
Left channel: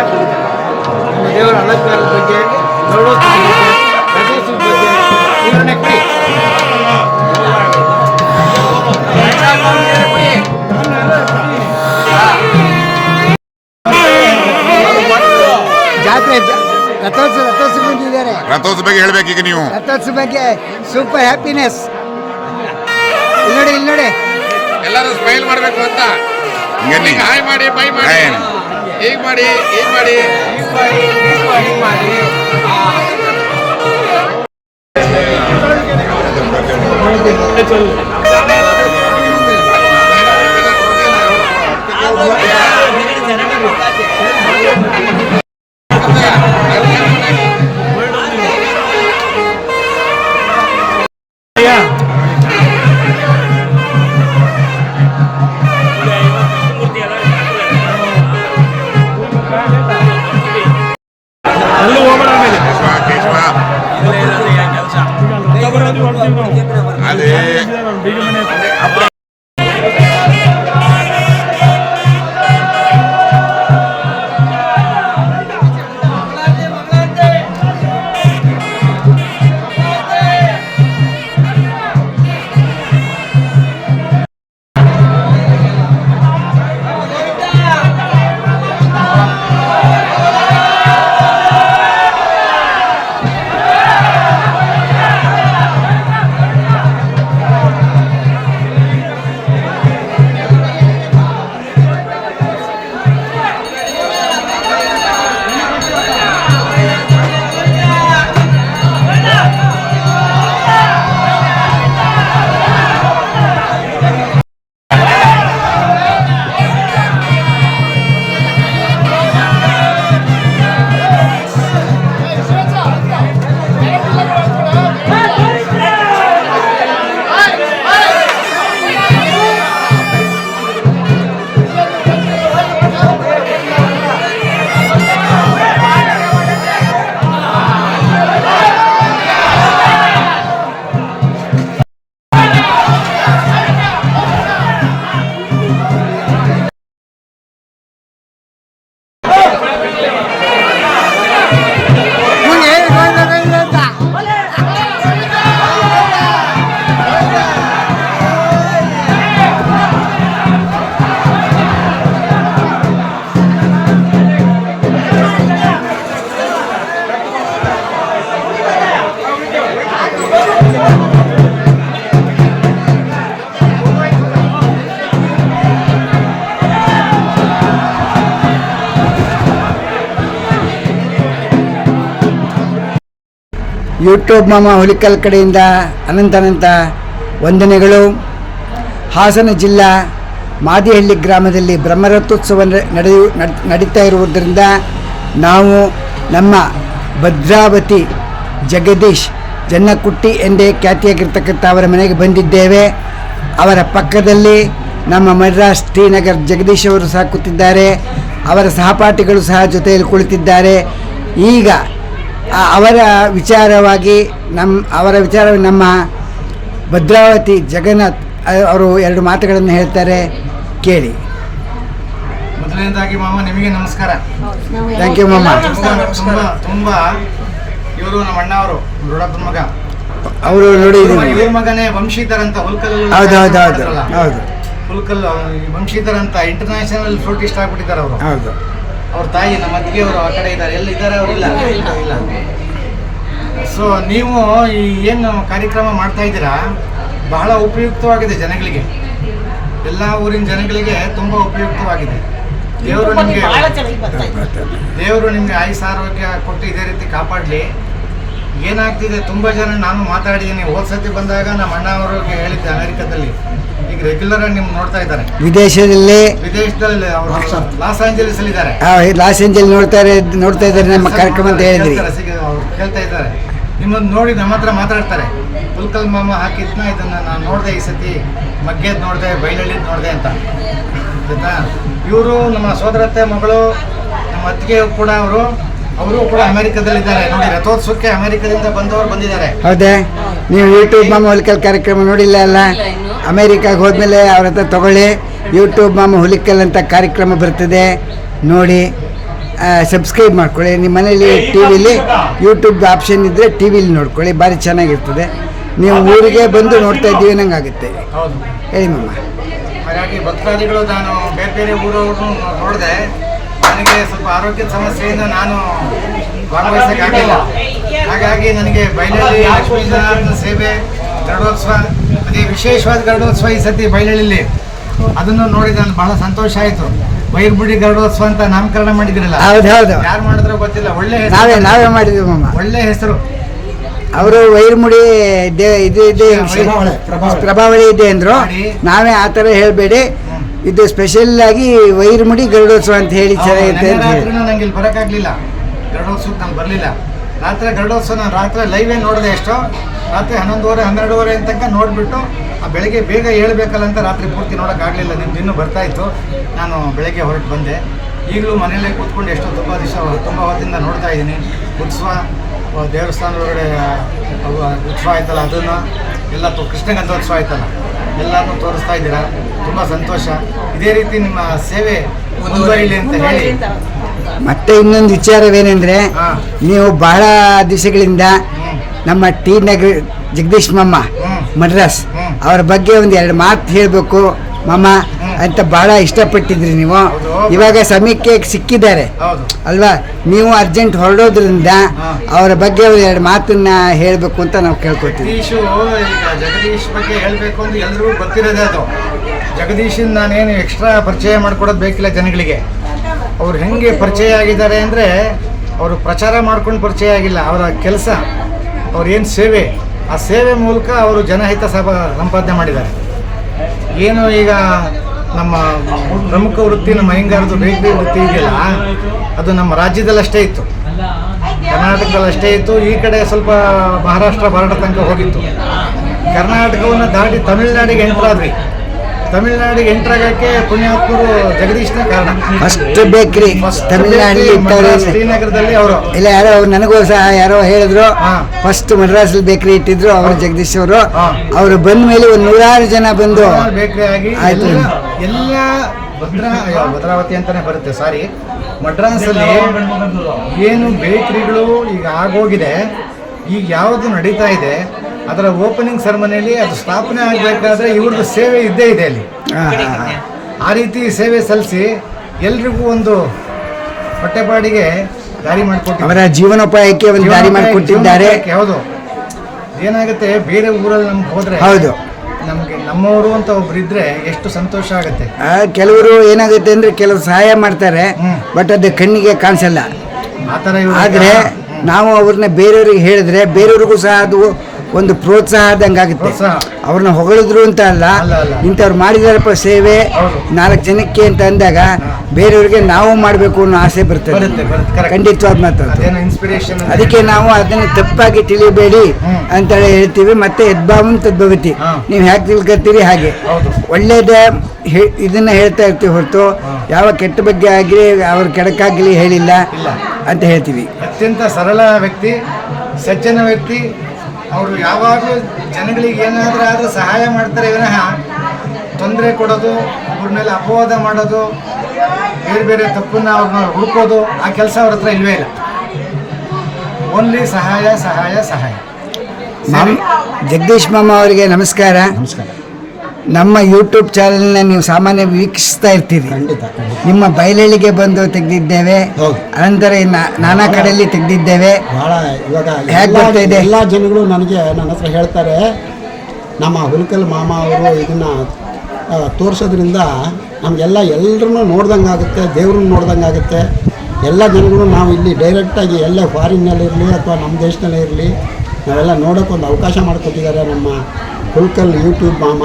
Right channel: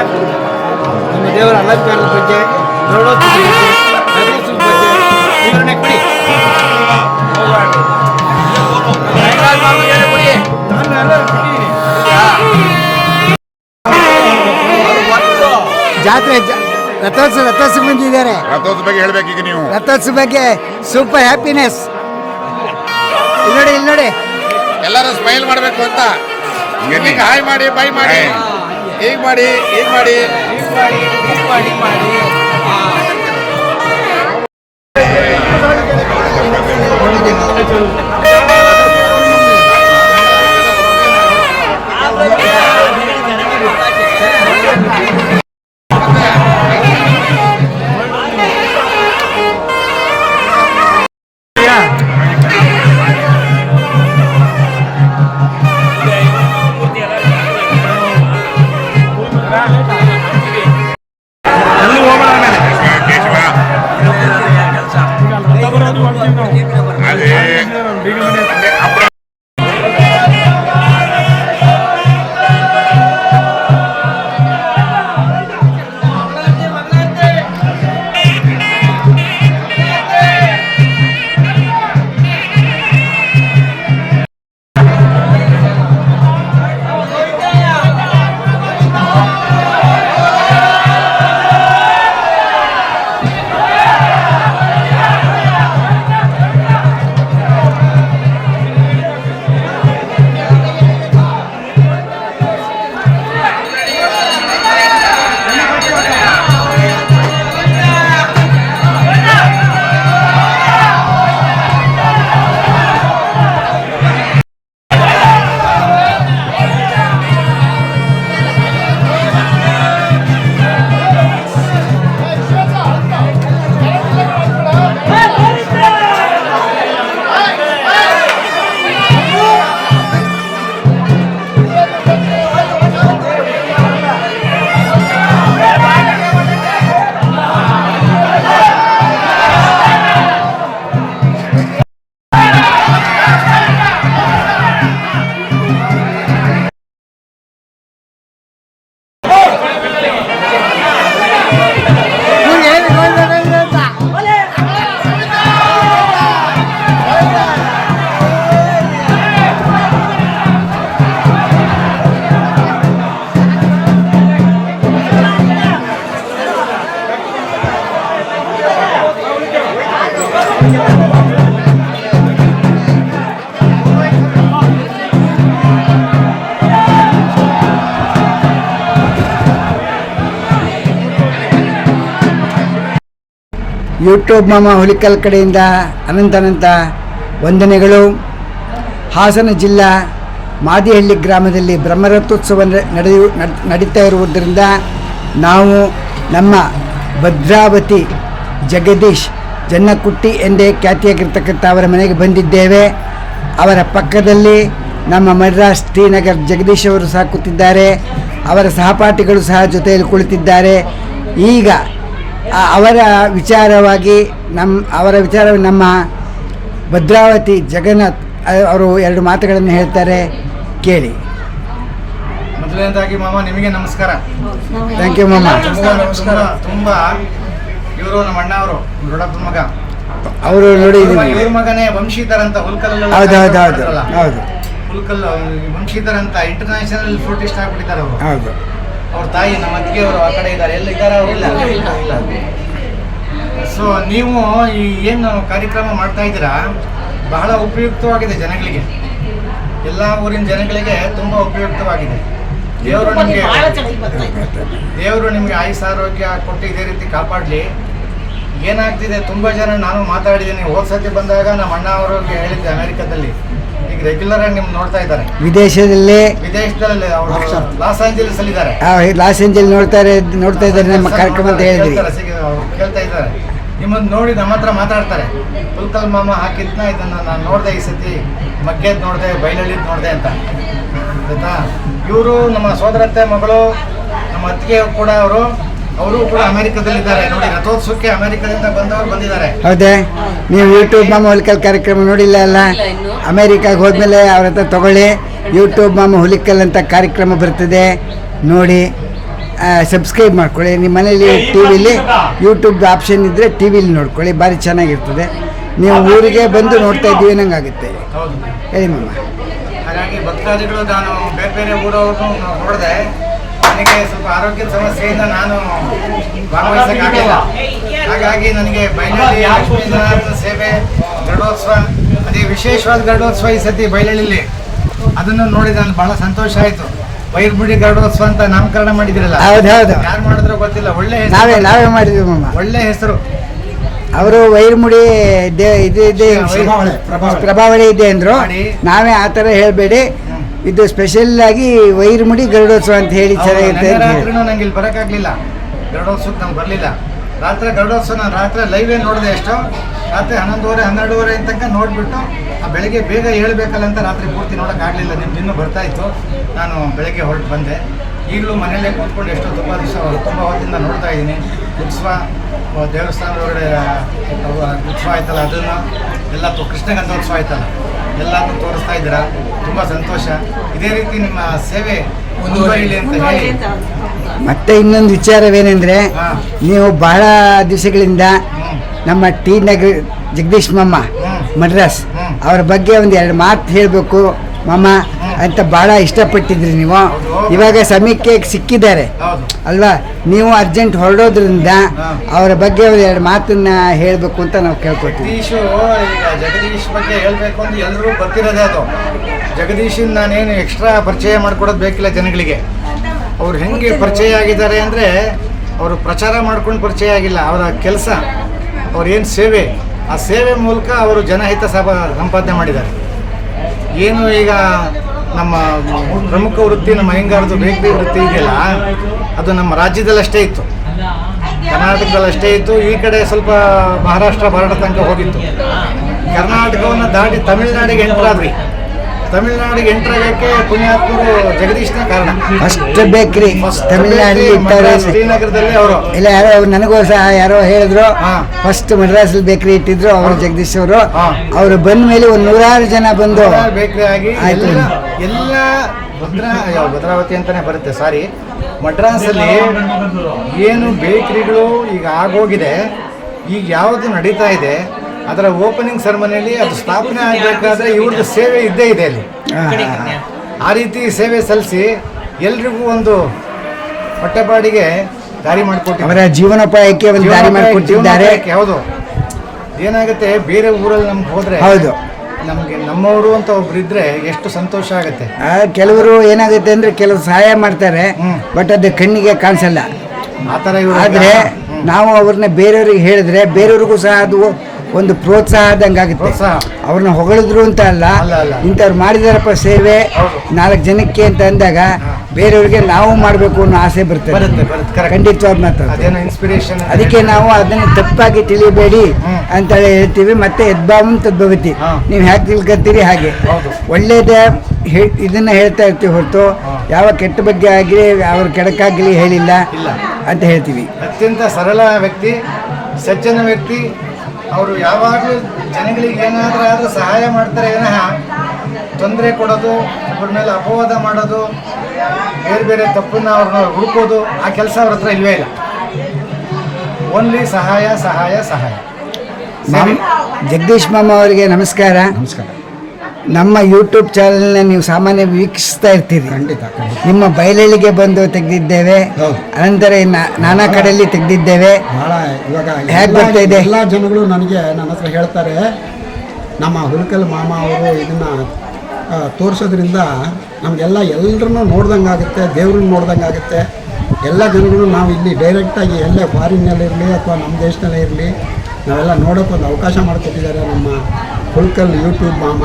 ನಮ್ಮ ದೇವರ ಅಲಂಕಾರದ ಬಗ್ಗೆ ಗರುಡೋತ್ಸವದ ಬಗ್ಗೆ ರಥೋತ್ಸವದ ಬಗ್ಗೆ ಇಲ್ಲಿ ನಕ್ಕಿ ಜಾತ್ರೆ ರಥೋತ್ಸವ ಬಂದಿದ್ದಾರೆ. ರಥೋತ್ಸವ ಬಗ್ಗೆ ಹೇಳ್ಬೇಕೀಗ ನೀವು. ರಥೋತ್ಸವ ಬಗ್ಗೆ ಸೂಪರ್ ಹ್ಯಾಪಿನೆಸ್. ಇಲ್ಲಿ ನೋಡಿ ಎಲ್ಲರೂ ಸ್ಮೈಲ್ ಮಾಡಬೇಕು ಅಂತ ಹಾಯ್ ಮಾಡಿ ಬೈ ಮಾಡಿ ಹೀಗೆ ಮಾಡಿ ಯೂಟ್ಯೂಬ್ ಮಾಮ ಹುಲಿಕಲ್ ಕಡೆಯಿಂದ ಅನಂತ ವಂದನೆಗಳು. ಹಾಸನ ಜಿಲ್ಲಾ ಮಾದಿಹಳ್ಳಿ ಗ್ರಾಮದಲ್ಲಿ ಬ್ರಹ್ಮರಥೋತ್ಸವ ನಡೀತಾ ಇರುವುದರಿಂದ ನಾವು ನಮ್ಮ ಭದ್ರಾವತಿ ಜಗದೀಶ್ ಜನ್ನಕುಟ್ಟಿ ಎಂದೇ ಖ್ಯಾತಿಯಾಗಿರ್ತಕ್ಕಂಥ ಅವರ ಮನೆಗೆ ಬಂದಿದ್ದೇವೆ. ಅವರ ಪಕ್ಕದಲ್ಲಿ ನಮ್ಮ ಮದ್ರಾಸ್ ಶ್ರೀನಗರ್ ಜಗದೀಶ್ ಅವರು ಸಹ ಕೂತಿದ್ದಾರೆ. ಅವರ ಸಹಪಾಠಿಗಳು ಸಹ ಜೊತೆಯಲ್ಲಿ ಕುಳಿತಿದ್ದಾರೆ. ಈಗ ಅವರ ವಿಚಾರವಾಗಿ ನಮ್ಮ ಭದ್ರಾವತಿ ಜಗನ್ನಾಥ್ ಅವರು ಎರಡು ಮಾತುಗಳನ್ನು ಹೇಳ್ತಾರೆ, ಕೇಳಿ. ಮೊದಲನೇದಾಗಿ ಮಾಮ ನಿಮಗೆ ನಮಸ್ಕಾರ. ಥ್ಯಾಂಕ್ ಯು ಮಾಮ. ತುಂಬ ಇವರು ನಮ್ಮ ಅಣ್ಣ ಅವರು ದೊಡ್ಡಪ್ಪನ ಮಗ ಅವರು ನೋಡಿ ಇವ್ರ ಮಗನೇ ವಂಶೀಧರ್ ಅಂತ ಹುಲ್ಕಲ್. ಹೌದು ಹುಲ್ಕಲ್ ವಂಶೀಧರ್ ಅಂತ ಇಂಟರ್ನ್ಯಾಷನಲ್ ಫ್ಲೂಟಿಸ್ಟ್ ಆಗ್ಬಿಟ್ಟಿದ್ದಾರೆ ಅವರು. ಹೌದು. ಅವ್ರ ತಾಯಿ ನಮ್ಮ ಅತ್ತಿಗೆ ಅವರು ಆ ಕಡೆ ಇದ್ದಾರೆ. ಎಲ್ಲ ಇದ್ದಾರೆ ಅವರಿಲ್ಲ. ಸೊ ನೀವು ಈ ಏನು ಕಾರ್ಯಕ್ರಮ ಮಾಡ್ತಾ ಇದ್ದೀರಾ ಬಹಳ ಉಪಯುಕ್ತವಾಗಿದೆ ಜನಗಳಿಗೆ, ಎಲ್ಲ ಊರಿನ ಜನಗಳಿಗೆ ತುಂಬ ಉಪಯುಕ್ತವಾಗಿದೆ. ದೇವರು ನಿಮಗೆ ಆಯುಷ್ ಆರೋಗ್ಯ ಕೊಟ್ಟು ಇದೇ ರೀತಿ ಕಾಪಾಡಲಿ. ಏನಾಗ್ತಿದೆ ತುಂಬ ಜನ ನಾನು ಮಾತಾಡಿದ್ದೀನಿ. ಹೋದ್ಸತಿ ಬಂದಾಗ ನಮ್ಮ ಅಣ್ಣ ಅವರಿಗೆ ಹೇಳಿದ್ದೆ ಅಮೆರಿಕದಲ್ಲಿ. ಈಗ ರೆಗ್ಯುಲರ್ ಆಗಿ ನಿಮ್ಗೆ ನೋಡ್ತಾ ಇದ್ದಾರೆ. ವಿದೇಶದಲ್ಲಿ ಅವರು ಲಾಸ್ ಏಂಜಲೀಸ್ ಅಲ್ಲಿ ಇದ್ದಾರೆ. ಲಾಸ್ ಏಂಜಲ್ ನೋಡ್ತಾ ಇದ್ದಾರೆ ನಮ್ಮ ಕಾರ್ಯಕ್ರಮ ಅಂತ ಹೇಳಿದ್ರಿ. ಕೇಳ್ತಾ ಇದ್ದಾರೆ. ನಿಮ್ಮನ್ನು ನೋಡಿ ನಮ್ಮ ಹತ್ರ ಮಾತಾಡ್ತಾರೆ. ಹುಲ್ಕಲ್ ಮಾಮ ಹಾಕಿದ್ನ ಇದನ್ನು ನಾನು ನೋಡಿದೆ, ಈ ಸತಿ ಮಗ್ಗೆದ್ ನೋಡಿದೆ, ಬೈಲಳ್ಳಿದ್ ನೋಡಿದೆ ಅಂತ. ಆಯ್ತಾ? ಇವರು ನಮ್ಮ ಸೋದರತ್ತೆ ಮಗಳು, ನಮ್ಮ ಅತ್ತಿಗೆ ಕೂಡ ಅವರು ಕೂಡ ಅಮೆರಿಕದಲ್ಲಿದ್ದಾರೆ. ನೋಡಿ, ರಥೋತ್ಸವಕ್ಕೆ ಅಮೆರಿಕದಿಂದ ಬಂದಿದ್ದಾರೆ. ಹೌದೇ? ನೀವು ಯೂಟ್ಯೂಬ್ ಮಾಮ ಹುಲಿಕಲ್ ಕಾರ್ಯಕ್ರಮ ನೋಡಿಲ್ಲ ಅಲ್ಲ? ಅಮೆರಿಕಾಗೆ ಹೋದ್ಮೇಲೆ ಅವ್ರ ಹತ್ರ ತಗೊಳ್ಳಿ. ಯೂಟ್ಯೂಬ್ ಮಾಮ ಹುಲಿಕಲ್ ಅಂತ ಕಾರ್ಯಕ್ರಮ ಬರ್ತದೆ, ನೋಡಿ. ಸಬ್ಸ್ಕ್ರೈಬ್ ಮಾಡ್ಕೊಳ್ಳಿ. ನಿಮ್ಮ ಮನೇಲಿ ಟಿ ವಿಲಿ ಯೂಟ್ಯೂಬ್ ಆಪ್ಷನ್ ಇದ್ದರೆ ಟಿ ವಿಲಿ ನೋಡ್ಕೊಳ್ಳಿ, ಭಾರಿ ಚೆನ್ನಾಗಿರ್ತದೆ. ನೀವು ಊರಿಗೆ ಬಂದು ನೋಡ್ತಾ ಇದ್ದೀವಿ ಅನ್ನಂಗಾಗುತ್ತೆ. ಹೌದು. ಹೇಳಿ ಮಮ್ಮ. ಹಾಗಾಗಿ ಭಕ್ತಾದಿಗಳು ನಾನು ಬೇರೆ ಬೇರೆ ಊರವ್ರನ್ನು ನೋಡಿದೆ. ನನಗೆ ಸ್ವಲ್ಪ ಆರೋಗ್ಯದ ಸಮಸ್ಯೆಯಿಂದ ನಾನು ಭಾಗವಹಿಸೋಕ್ಕಾಗಲಿಲ್ಲ. ಹಾಗಾಗಿ ನನಗೆ ಬೈಲಹಳ್ಳಿ ಲಕ್ಷ್ಮೀ ಜನಾರ್ದನ ಸೇವೆ ಗರುಡೋತ್ಸವ, ಅದೇ ವಿಶೇಷವಾದ ಗರುಡೋತ್ಸವ ಈ ಸತಿ ಬೈಲಹಳ್ಳಿಲಿ, ಅದನ್ನು ನೋಡಿ ನಾನು ಬಹಳ ಸಂತೋಷ ಆಯಿತು. ವೈರ್ಬುಡಿ ಗರುಡೋತ್ಸವ ಅಂತ ನಾಮಕರಣ ಮಾಡಿದಿರಲ್ಲ, ಹೌದು ಹೌದು, ಯಾರು ಮಾಡಿದ್ರೋ ಗೊತ್ತಿಲ್ಲ. ಒಳ್ಳೆ ನಾವೇ ಮಾಡಿದ್ವಿ ಮಮ್ಮ. ಒಳ್ಳೆ ಹೆಸರು. ಅವರು ವೈರ್ಮುಡಿ ಇದು ಪ್ರಭಾವಳಿ ಇದೆ ಅಂದರು. ನಾವೇ ಆ ಥರ ಹೇಳಬೇಡಿ, ಇದು ಸ್ಪೆಷಲ್ ಆಗಿ ವೈರ್ಮುಡಿ ಗರುಡೋತ್ಸವ ಅಂತ ಹೇಳಿ ಚೆನ್ನಾಗಿರುತ್ತೆ ಅಂತ ಹೇಳಿ. ನಂಗೆ ಇಲ್ಲಿ ಬರೋಕ್ಕಾಗಲಿಲ್ಲ, ಗರುಡೋತ್ಸವಕ್ಕೆ ನಂಗೆ ಬರಲಿಲ್ಲ. ರಾತ್ರಿ ಗರುಡೋತ್ಸವ ನಾನು ರಾತ್ರಿ ಲೈವೇ ನೋಡಿದೆ. ಎಷ್ಟೋ ರಾತ್ರಿ 11:30 12:30 ತನಕ ನೋಡಿಬಿಟ್ಟು ಬೆಳಗ್ಗೆ ಬೇಗ ಹೇಳ್ಬೇಕಲ್ಲ ಅಂತ ರಾತ್ರಿ ಪೂರ್ತಿ ನೋಡೋಕ್ಕಾಗಲಿಲ್ಲ. ನಿಮ್ದು ಇನ್ನೂ ಬರ್ತಾಯಿತ್ತು. ನಾನು ಬೆಳಗ್ಗೆ ಹೊರಟು ಬಂದೆ. ಈಗಲೂ ಮನೆಯಲ್ಲೇ ಕೂತ್ಕೊಂಡು ಎಷ್ಟೋ ತುಂಬ ಹೊತ್ತಿಂದ ನೋಡ್ತಾ ಇದ್ದೀನಿ. ಉತ್ಸವ, ದೇವಸ್ಥಾನದ ಒಳಗಡೆ ಉತ್ಸವ ಆಯ್ತಲ್ಲ, ಅದನ್ನು ಎಲ್ಲ ಕೃಷ್ಣಗಂಧೋತ್ಸವ ಆಯ್ತಲ್ಲ, ಎಲ್ಲನೂ ತೋರಿಸ್ತಾ ಇದ್ದೀರಾ. ತುಂಬ ಸಂತೋಷ. ಇದೇ ರೀತಿ ನಿಮ್ಮ ಸೇವೆ ಮುಂದುವರಿಲಿ ಅಂತ ಹೇಳಿ. ಮತ್ತೆ ಇನ್ನೊಂದು ವಿಚಾರವೇನೆಂದರೆ, ನೀವು ಬಹಳ ದಿವಸಗಳಿಂದ ನಮ್ಮ ಟಿ ನಗರ ಜಗದೀಶ್ ಮಮ್ಮ ಮಡ್ರಾಸ್ ಅವ್ರ ಬಗ್ಗೆ ಒಂದು 2 ಮಾತು ಹೇಳಬೇಕು ಮಮ್ಮ ಅಂತ ಭಾಳ ಇಷ್ಟಪಟ್ಟಿದ್ರಿ ನೀವು. ಇವಾಗ ಸಮಯಕ್ಕೆ ಸಿಕ್ಕಿದ್ದಾರೆ ಅಲ್ವಾ, ನೀವು ಅರ್ಜೆಂಟ್ ಹೊರಡೋದ್ರಿಂದ ಅವರ ಬಗ್ಗೆ ಒಂದು 2 ಮಾತನ್ನ ಹೇಳಬೇಕು ಅಂತ ನಾವು ಕೇಳ್ಕೊತೀವಿ. ಜಗದೀಶ್ ಬಗ್ಗೆ ಹೇಳಬೇಕು ಅಂತ ಎಲ್ಲರೂ ಗೊತ್ತಿರೋದೇ. ಅದು ಜಗದೀಶನ್ ನಾನೇನು ಎಕ್ಸ್ಟ್ರಾ ಪರಿಚಯ ಮಾಡ್ಕೊಡೋದು ಬೇಕಿಲ್ಲ ಜನಗಳಿಗೆ. ಅವ್ರು ಹೆಂಗೆ ಪರಿಚಯ ಆಗಿದ್ದಾರೆ ಅಂದರೆ, ಅವರು ಪ್ರಚಾರ ಮಾಡ್ಕೊಂಡು ಪರಿಚಯ ಆಗಿಲ್ಲ. ಅವರ ಕೆಲಸ, ಅವ್ರೇನು ಸೇವೆ, ಆ ಸೇವೆ ಮೂಲಕ ಅವರು ಜನಹಿತ ಸಂಪಾದನೆ ಮಾಡಿದ್ದಾರೆ. ಏನು ಈಗ ನಮ್ಮ ಪ್ರಮುಖ ವೃತ್ತಿ, ನಮ್ಮ ಅಯ್ಯಂಗಾರದು ಬೇಕರಿ ವೃತ್ತಿ ಇದೆಯಲ್ಲ, ಅದು ನಮ್ಮ ರಾಜ್ಯದಲ್ಲಷ್ಟೇ ಇತ್ತು, ಕರ್ನಾಟಕದಲ್ಲಷ್ಟೇ ಇತ್ತು. ಈ ಕಡೆ ಸ್ವಲ್ಪ ಮಹಾರಾಷ್ಟ್ರ ಬಾರ್ಡರ್ ತನಕ ಹೋಗಿತ್ತು. ಕರ್ನಾಟಕವನ್ನು ದಾಟಿ ತಮಿಳ್ನಾಡಿಗೆ ಎಂಟ್ರಾದ್ವಿ. ತಮಿಳ್ನಾಡಿಗೆ ಎಂಟ್ರಾಗಕ್ಕೆ ಪುಣ್ಯಾತ್ಮರು ಜಗದೀಶ್ನೇ ಕಾರಣ. ಫಸ್ಟ್ ಬೇಕ್ರಿ ತಮಿಳ್ನಾಡಿಗೆ ಶ್ರೀನಗರದಲ್ಲಿ ಅವರು ಇಲ್ಲ, ಯಾರೋ ನನಗೂ ಸಹ ಯಾರೋ ಹೇಳಿದ್ರು, ಫಸ್ಟ್ ಮಡ್ರಾಸಲ್ಲಿ ಬೇಕ್ರಿ ಇಟ್ಟಿದ್ರು ಅವರು ಜಗದೀಶ್ ಅವರು. ಅವರು ಬಂದ ಮೇಲೆ ಒಂದು 100 ಜನ ಬಂದು ಬೇಕ್ರಿ ಆಗಿ ಎಲ್ಲ ಭದ್ರಾವತಿ ಅಂತಾನೆ ಬರುತ್ತೆ, ಸಾರಿ, ಮಡ್ರಾಸಲ್ಲಿ ಏನು ಬೇಕ್ರಿಗಳು ಈಗ ಆಗೋಗಿದೆ, ಈಗ ಯಾವುದು ನಡೀತಾ ಇದೆ, ಅದರ ಓಪನಿಂಗ್ ಸೆರೆಮನಿಯಲ್ಲಿ ಅದು ಸ್ಥಾಪನೆ ಆಗಬೇಕಾದ್ರೆ ಇವ್ರದ್ದು ಸೇವೆ ಇದ್ದೇ ಇದೆ ಅಲ್ಲಿ. ಆ ರೀತಿ ಸೇವೆ ಸಲ್ಲಿಸಿ ಎಲ್ರಿಗೂ ಒಂದು ಹೊಟ್ಟೆಪಾಡಿಗೆ ದಾರಿ ಮಾಡಿಕೊಟ್ಟು, ಅವರ ಜೀವನೋಪಾಯಕ್ಕೆ ಒಂದು ದಾರಿ ಮಾಡಿಕೊಟ್ಟಿದ್ದಾರೆ. ಹೌದು. ಏನಾಗುತ್ತೆ, ಬೇರೆ ಊರಲ್ಲಿ ನಮ್ಗೆ ಹೋದ್ರೆ ಹೌದು, ನಮಗೆ ನಮ್ಮವರು ಅಂತ ಒಬ್ರು ಇದ್ರೆ ಎಷ್ಟು ಸಂತೋಷ ಆಗುತ್ತೆ. ಕೆಲವರು ಏನಾಗುತ್ತೆ ಅಂದ್ರೆ, ಕೆಲವರು ಸಹಾಯ ಮಾಡ್ತಾರೆ, ಬಟ್ ಅದು ಕಣ್ಣಿಗೆ ಕಾಣಿಸಲ್ಲ. ಆ ಥರ ಆದರೆ ನಾವು ಅವ್ರನ್ನ ಬೇರೆಯವ್ರಿಗೆ ಹೇಳಿದ್ರೆ ಬೇರೆಯವ್ರಿಗೂ ಸಹ ಅದು ಒಂದು ಪ್ರೋತ್ಸಾಹದಂಗಾಗುತ್ತೆ. ಅವ್ರನ್ನ ಹೊಗಳಿದ್ರು ಅಂತ ಅಲ್ಲ, ಇಂಥವ್ರು ಮಾಡಿದಾರಪ್ಪ ಸೇವೆ 4 ಜನಕ್ಕೆ ಅಂತ ಅಂದಾಗ ಬೇರೆಯವ್ರಿಗೆ ನಾವು ಮಾಡಬೇಕು ಅನ್ನೋ ಆಸೆ ಬರ್ತದೆ. ಖಂಡಿತವಾದ ಮಾತು. ಅದಕ್ಕೆ ನಾವು ಅದನ್ನು ತಪ್ಪಾಗಿ ತಿಳಿಯಬೇಡಿ ಅಂತ ಹೇಳ್ತೀವಿ. ಮತ್ತೆ ಯದ್ಭಾವಂ ತದ್ಭವತಿ, ನೀವು ಹೇಗೆ ತಿಳ್ಕೊತೀರಿ ಹಾಗೆ ಒಳ್ಳೇದೇ ಇದನ್ನ ಹೇಳ್ತಾ ಇರ್ತೀವಿ ಹೊರತು ಯಾವ ಕೆಟ್ಟ ಬಗ್ಗೆ ಆಗಲಿ ಅವ್ರ ಕೆಡಕಾಗಲಿ ಹೇಳಿಲ್ಲ ಅಂತ ಹೇಳ್ತೀವಿ. ಅತ್ಯಂತ ಸರಳ ವ್ಯಕ್ತಿ, ಸಜ್ಜನ ವ್ಯಕ್ತಿ. ಅವರು ಯಾವಾಗಲೂ ಜನಗಳಿಗೆ ಏನಾದರೂ ಆದರೂ ಸಹಾಯ ಮಾಡ್ತಾರೆ ವಿನಃ ತೊಂದರೆ ಕೊಡೋದು, ಅವ್ರ ಮೇಲೆ ಅಪವಾದ ಮಾಡೋದು, ಬೇರೆ ಬೇರೆ ತಪ್ಪನ್ನ ಅವ್ರನ್ನ ಹುಡುಕೋದು, ಆ ಕೆಲಸ ಅವ್ರ ಹತ್ರ ಇಲ್ವೇ ಇಲ್ಲ. ಓನ್ಲಿ ಸಹಾಯ ಸಹಾಯ ಸಹಾಯ. ಜಗದೀಶ್ ಮಾಮ ಅವರಿಗೆ ನಮಸ್ಕಾರ. ನಮಸ್ಕಾರ. ನಮ್ಮ ಯೂಟ್ಯೂಬ್ ಚಾನಲ್ನ ನೀವು ಸಾಮಾನ್ಯ ವೀಕ್ಷಿಸ್ತಾ ಇರ್ತೀರಿ. ಖಂಡಿತ. ನಿಮ್ಮ ಬಯಲಹಳ್ಳಿಗೆ ಬಂದು ತೆಗೆದಿದ್ದೇವೆ, ಅನಂತರ ನಾನಾ ಕಡೆಯಲ್ಲಿ ತೆಗೆದಿದ್ದೇವೆ. ಭಾಳ ಇವಾಗ ಹೇಗೆ ಬರ್ತಾ ಇದೆ? ಎಲ್ಲ ಜನಗಳು ನನ್ನ ಹತ್ರ ಹೇಳ್ತಾರೆ, ನಮ್ಮ ಹುಲ್ಕಲ್ ಮಾಮ ಅವರು ಇದನ್ನು ತೋರಿಸೋದ್ರಿಂದ ನಮಗೆಲ್ಲ ಎಲ್ಲರನ್ನೂ ನೋಡ್ದಂಗೆ ಆಗುತ್ತೆ, ದೇವ್ರನ್ನ ನೋಡ್ದಂಗೆ ಆಗುತ್ತೆ. ಎಲ್ಲ ಜನಗಳು ನಾವು ಇಲ್ಲಿ ಡೈರೆಕ್ಟಾಗಿ ಎಲ್ಲೇ ಫಾರಿನ್ನಲ್ಲಿರಲಿ ಅಥವಾ ನಮ್ಮ ದೇಶದಲ್ಲೇ ಇರಲಿ ನಾವೆಲ್ಲ ನೋಡೋಕ್ಕೆ ಒಂದು ಅವಕಾಶ ಮಾಡಿಕೊಟ್ಟಿದ್ದಾರೆ. ನಮ್ಮ ಹುಲ್ಕಲ್ ಯೂಟ್ಯೂಬ್ ಮಾಮ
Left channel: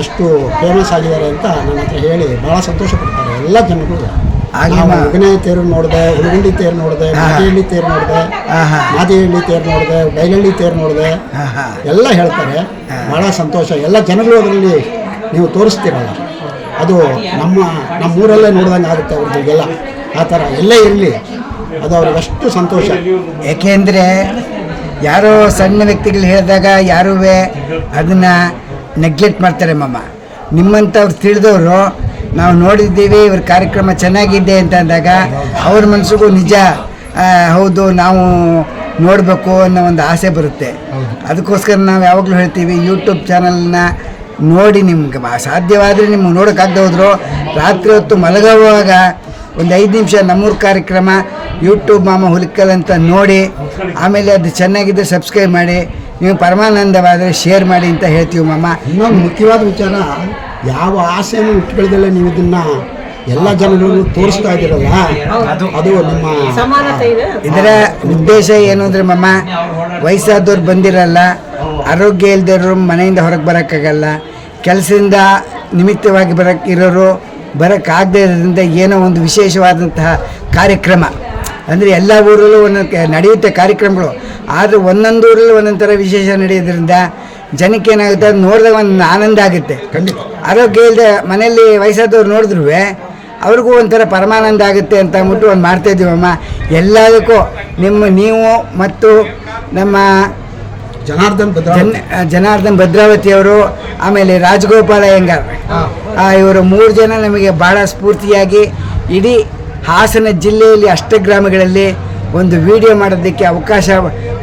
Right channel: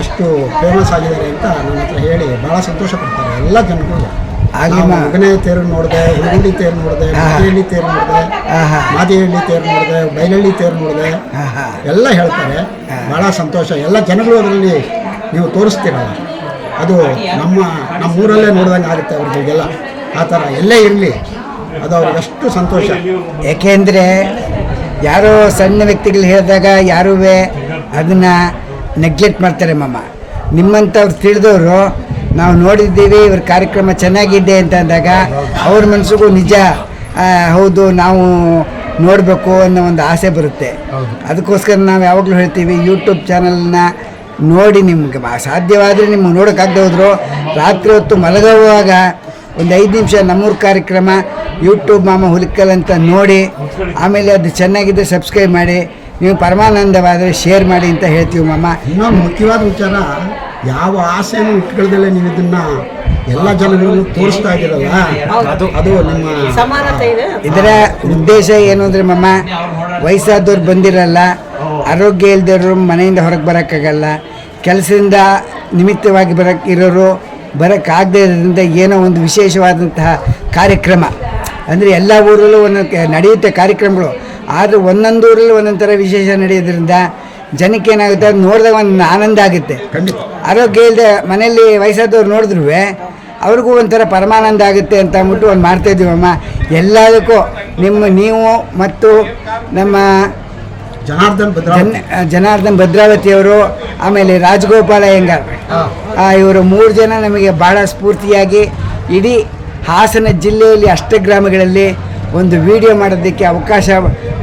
ಅಷ್ಟು ಫೇಮಸ್ ಆಗಿದ್ದಾರೆ ಅಂತ ನನ್ನ ಹತ್ರ ಹೇಳಿ ಭಾಳ ಸಂತೋಷ ಪಡ್ತಾರೆ ಎಲ್ಲ ಜನಗಳು. ಮಗನೇ ತೇರು ನೋಡಿದೆ, ಹುಡುಗಂಡಿ ತೇರು ನೋಡಿದೆ, ಮಾದಿಹಳ್ಳಿ ತೇರು ನೋಡಿದೆ, ಮಾದಿಹಳ್ಳಿ ತೇರು ನೋಡಿದೆ, ಬೈಲಹಳ್ಳಿ ತೇರು ನೋಡಿದೆ, ಎಲ್ಲ ಹೇಳ್ತಾರೆ. ಭಾಳ ಸಂತೋಷ. ಎಲ್ಲ ಜನಗಳು ಅದರಲ್ಲಿ ನೀವು ತೋರಿಸ್ತೀರಲ್ಲ, ಅದು ನಮ್ಮೂರಲ್ಲೇ ನೋಡ್ದಂಗೆ ಆಗುತ್ತೆ ಅವ್ರಿಗೆಲ್ಲ. ಆ ಥರ ಎಲ್ಲೇ ಇರಲಿ ಅದು ಅವ್ರಿಗಷ್ಟು ಸಂತೋಷ. ಏಕೆಂದರೆ ಯಾರೋ ಸಣ್ಣ ವ್ಯಕ್ತಿಗಳು ಹೇಳಿದಾಗ ಯಾರೂ ಅದನ್ನು ನೆಗ್ಲೆಕ್ಟ್ ಮಾಡ್ತಾರೆ ಮಾಮ. ನಿಮ್ಮಂಥವ್ರು ತಿಳಿದವರು ನಾವು ನೋಡಿದ್ದೀವಿ ಇವ್ರ ಕಾರ್ಯಕ್ರಮ ಚೆನ್ನಾಗಿದೆ ಅಂತ ಅಂದಾಗ ಅವ್ರ ಮನಸ್ಸಿಗೂ ನಿಜ ಹೌದು ನಾವು ನೋಡಬೇಕು ಅನ್ನೋ ಒಂದು ಆಸೆ ಬರುತ್ತೆ. ಅದಕ್ಕೋಸ್ಕರ ನಾವು ಯಾವಾಗಲೂ ಹೇಳ್ತೀವಿ ಯೂಟ್ಯೂಬ್ ಚಾನಲ್ನ ನೋಡಿ ನಿಮ್ಗೆ ಸಾಧ್ಯವಾದರೆ ನಿಮ್ಗೆ ನೋಡೋಕ್ಕಾಗದೆ ಹೋದ್ರು ರಾತ್ರಿ ಹೊತ್ತು ಮಲಗುವಾಗ ಒಂದು 5 ನಿಮಿಷ ನಮ್ಮೂರು ಕಾರ್ಯಕ್ರಮ ಯೂಟ್ಯೂಬ್ ಮಾಮ ಹುಲಿಕಲ್ ಅಂತ ನೋಡಿ ಆಮೇಲೆ ಅದು ಚೆನ್ನಾಗಿದ್ದರೆ ಸಬ್ಸ್ಕ್ರೈಬ್ ಮಾಡಿ, ನೀವು ಪರಮಾನಂದವಾದರೆ ಶೇರ್ ಮಾಡಿ ಅಂತ ಹೇಳ್ತೀವಿ ಮಾಮ. ಇನ್ನೊಂದು ಮುಖ್ಯವಾದ ವಿಚಾರ, ಯಾವ ಆಸೆಯನ್ನು ಇಟ್ಕೊಳ್ದಲ್ಲೇ ನೀವು ಇದನ್ನು ಎಲ್ಲ ಜನಗಳಿಗೂ ತೋರಿಸ್ತಾ ಇದ್ದೀರಲ್ಲ, ಅದು ನಿಮ್ಮ ಇದರ ಉದ್ದೇಶ ಏನು ಅಂದರೆ ಮಾಮ, ವಯಸ್ಸಾದವ್ರು ಬಂದಿರಲ್ಲ, ಆರೋಗ್ಯ ಇಲ್ದಿರೋರು ಮನೆಯಿಂದ ಹೊರಗೆ ಬರೋಕ್ಕಾಗಲ್ಲ, ಕೆಲಸದಿಂದ ನಿಮಿತ್ತವಾಗಿ ಇರೋರು ಬರೋಕ್ಕಾಗದೇ ಇರೋದ್ರಿಂದ ಏನೋ ಒಂದು ವಿಶೇಷವಾದಂತಹ ಕಾರ್ಯಕ್ರಮ ಅಂದರೆ ಎಲ್ಲ ಊರಲ್ಲೂ ಒಂದೊಂದು ನಡೆಯುತ್ತೆ ಕಾರ್ಯಕ್ರಮಗಳು, ಆದರೆ ಒಂದೊಂದು ಊರಲ್ಲಿ ಒಂದೊಂದು ಥರ ವಿಶೇಷ ನಡೆಯೋದ್ರಿಂದ ಜನಕ್ಕೆ ಏನಾಗುತ್ತೆ ಅದು ನೋಡಿದಾಗ ಒಂದು ಆನಂದ ಆಗುತ್ತೆ. ಆರೋಗ್ಯ ಇಲ್ಲದೆ ಮನೆಯಲ್ಲಿ ವಯಸ್ಸಾದವ್ರು ನೋಡಿದ್ರು ಅವ್ರಿಗೂ ಒಂಥರ ಪರಮಾನಂದ ಆಗುತ್ತೆ ಅಂತ ಅಂದ್ಬಿಟ್ಟು ಒಂದು ಮಾಡ್ತಾಯಿದ್ದೀವಮ್ಮ. ಎಲ್ಲದಕ್ಕೂ ನೀವು ಮತ್ತು ನಮ್ಮ ಜನಾರ್ದನ್ ಭದ್ರಾವತಿಯವರು, ಆಮೇಲೆ ರಾಜಗೋಪಾಲ ಅಯ್ಯಂಗಾರ್, ಇವರು 3 ಜನ ನಮಗೆ ಭಾಳ ಸ್ಫೂರ್ತಿಯಾಗಿ ಇಡೀ ಹಾಸನ ಜಿಲ್ಲೆಯಲ್ಲಿ ಅಷ್ಟಗ್ರಾಮಗಳಲ್ಲಿ ಒಂದು ವಿಡಿಯೋ ಮಾಡೋದಕ್ಕೆ ಅವಕಾಶ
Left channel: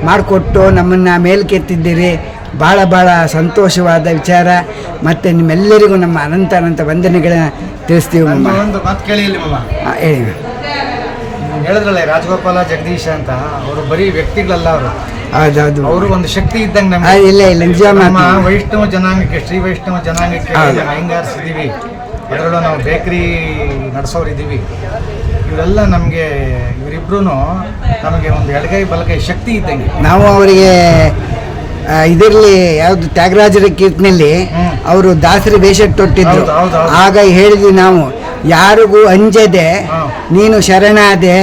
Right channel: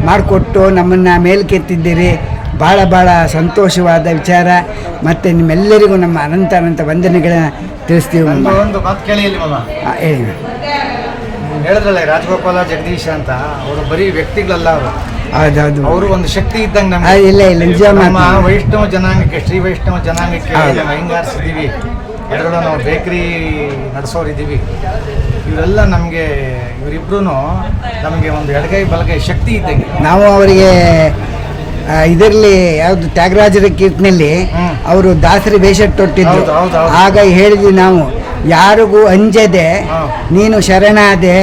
ಮಾಡಿಕೊಟ್ಟು ನಮ್ಮನ್ನು ಮೇಲ್ಕೆತ್ತಿದ್ದೀರಿ. ಭಾಳ ಭಾಳ ಸಂತೋಷವಾದ ವಿಚಾರ. ಮತ್ತು ನಿಮ್ಮೆಲ್ಲರಿಗೂ ನಮ್ಮ ಅನಂತ ವಂದನೆಗಳನ್ನ ತಿಳಿಸ್ತೀವಿ. ಒಂದು ಮಾತು ಕೇಳಿ ಇಲ್ಲಿ ಮಾಮ, ಹೇಳಿದ್ರಲ್ಲ ರಾಜಗೋಪಾಲ ಜಗದೀಶ ಅಂತ, ಅವರು ಬರೀ ವ್ಯಕ್ತಿಗಳಲ್ಲ, ಹೌದೌದು, ಅವರು ಒಂದು ಶಕ್ತಿ ಇದ್ದಂಗೆ ನಮ್ಗೆ. ಇಲ್ಲ ನಿಜ, ನಮ್ಮ ವೈಷ್ಣವ ಜನಾಂಗಕ್ಕೆ, ಶ್ರೀ ವೈಷ್ಣವ ಜನಾಂಗಕ್ಕೆ ಅಯ್ಯಂಗಾರ್ಸಿದ್ದೀವಿ. ಅದರಲ್ಲೂ ನಾವು ಬೇಕರಿ ನಡೆಸೋರಿದ್ದೀವಿ. ಇವರೆಲ್ಲ ನಮಗೆ, ಇವರಿಬ್ರು ನಮಗೆ ಒಂದು ಎಡಗೈ ಬಲಗೈ ಶಕ್ತಿ ಇದ್ದಂಗೆ. ನಾವು ಅವರಿಗೆ ಇದರಲ್ಲಿ ಯಾವುದು ತ್ಯಾಗರಾಜರ ಕೀರ್ತನೆಯಲ್ಲಿ ಅವರು ದಾಸರಿ ವೇಷ ತೊಟ್ಟಿದ್ರು. ಆಗ ಹೇಳಿದ್ವಿ ನಾವು, ಯಾರಿಗೂ ಅಂಜದೆ ನೀನು ಶರಣಾದೆ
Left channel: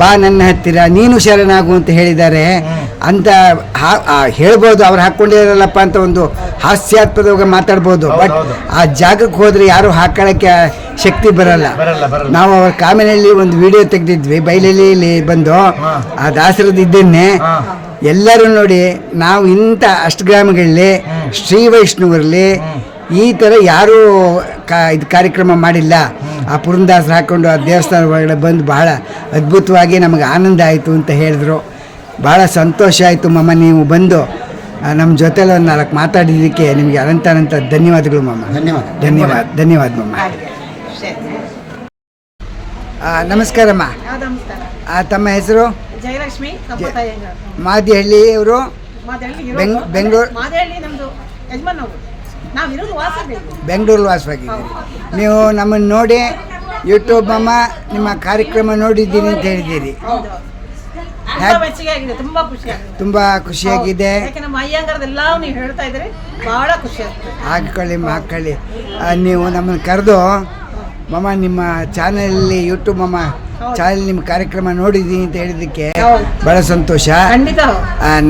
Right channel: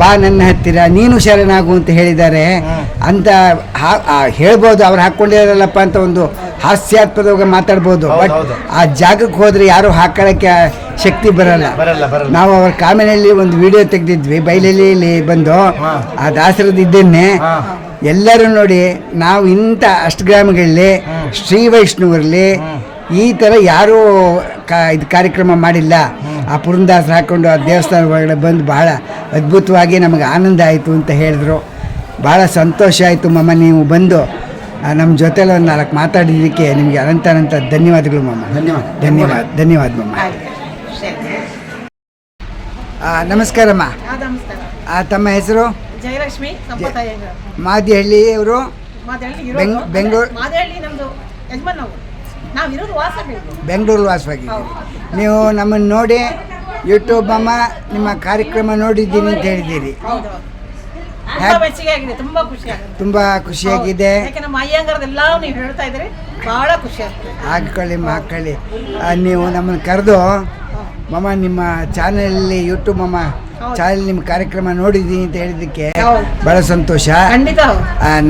ಬಾ ನನ್ನ ಹತ್ತಿರ, ನೀನು ಶರಣಾಗು ಅಂತ ಹೇಳಿದ್ದಾರೆ ಅಂತ ಹೇಳ್ಬೋದು. ಅವ್ರು ಹಾಕ್ಕೊಂಡಿರಲ್ಲಪ್ಪ ಅಂತ ಒಂದು ಹಾಸ್ಯಾಸ್ಪದವಾಗಿ ಮಾತಾಡ್ಬೋದು, ಬಟ್ ಆ ಜಾಗಕ್ಕೆ ಹೋದರೆ ಯಾರು ಹಾಕೊಳ್ಳೋಕ್ಕೆ ಶಕ್ತಿ ಬರಲ್ಲ. ನಾವು ಅವ್ರ ಕಾಮೆನಲ್ಲಿ ಒಂದು ವಿಡಿಯೋ ತೆಗೆದಿದ್ವಿ ಬೈಲಲ್ಲಿ ಬಂದು, ಆ ದಾಸರದ್ದು ಇದನ್ನೇ ಎಲ್ಲರೂ ನೋಡಿ, ನಾವು ಇಂಥ ಅಷ್ಟಗ್ರಾಮಗಳಲ್ಲಿ ಶ್ರೀ ವೈಷ್ಣವರಲ್ಲಿ ಈ ಥರ ಯಾರೂ ಇದು ಕಾರ್ಯಕ್ರಮ ಮಾಡಿಲ್ಲ. ಆ ಪುರಂದಾಸರು ಹಾಕ್ಕೊಂಡು ಆ ದೇವಸ್ಥಾನ ಒಳಗಡೆ ಬಂದು ಬಹಳ ಅದ್ಭುತವಾಗಿ ನಮಗೆ ಆನಂದ ಆಯಿತು ಅಂತ ಹೇಳಿದ್ರು. ಭಾಳ ಸಂತೋಷ ಆಯಿತು ಮಮ್ಮ, ನೀವು ಬಂದು ನಮ್ಮ ಜೊತೆಲಿ ಒಂದು 4 ಮಾತಾಡಿದ್ದಕ್ಕೆ ನಿಮಗೆ ಅನಂತ ಧನ್ಯವಾದಗಳು ಮಮ್ಮ. ಧನ್ಯವಾದ ಮಮ್ಮ. ನಮಸ್ಕಾರಮ್ಮ. ತಮ್ಮ ಹೆಸರು? ಜಯಲಕ್ಷ್ಮಿ ಮಾದಿಹಳ್ಳಿ ಅವರು, ಬೆಂಗಳೂರು ಬೆಂಗಳೂರು ವಾಸವಾಗಿದ್ದೀರಿ. ನೀವು ನಮ್ಮನ್ನು ನೋಡಿ ಯೂಟ್ಯೂಬ್ ಅಮ್ಮ ನಿಮ್ಮ ಕಾರ್ಯಕ್ರಮ ನೋಡಿದ್ದೀನಿ ಅಂತ ಹೇಳಿದ್ದೀರಿ. ತುಂಬ ಖುಷಿಯಾಗಿದೆ. ಹಾಕೊಳ್ಳಿ. ನೀವು ನಮ್ಮನ್ನು ಕರೆದು ಮಮ್ಮ ನಿಮ್ಮ ಚಾನಲಲ್ಲಿ ಯೂಟ್ಯೂಬ್ ಮಮ್ಮ ಚಾನಲ್ ನಿಮ್ಮ ಕಾರ್ಯಕ್ರಮ ನೋಡಿದ್ದೀನಿ ಅಂತ ಹೇಳಿದ್ದಕ್ಕೆ ಬಹಳ ಸಂತೋಷ.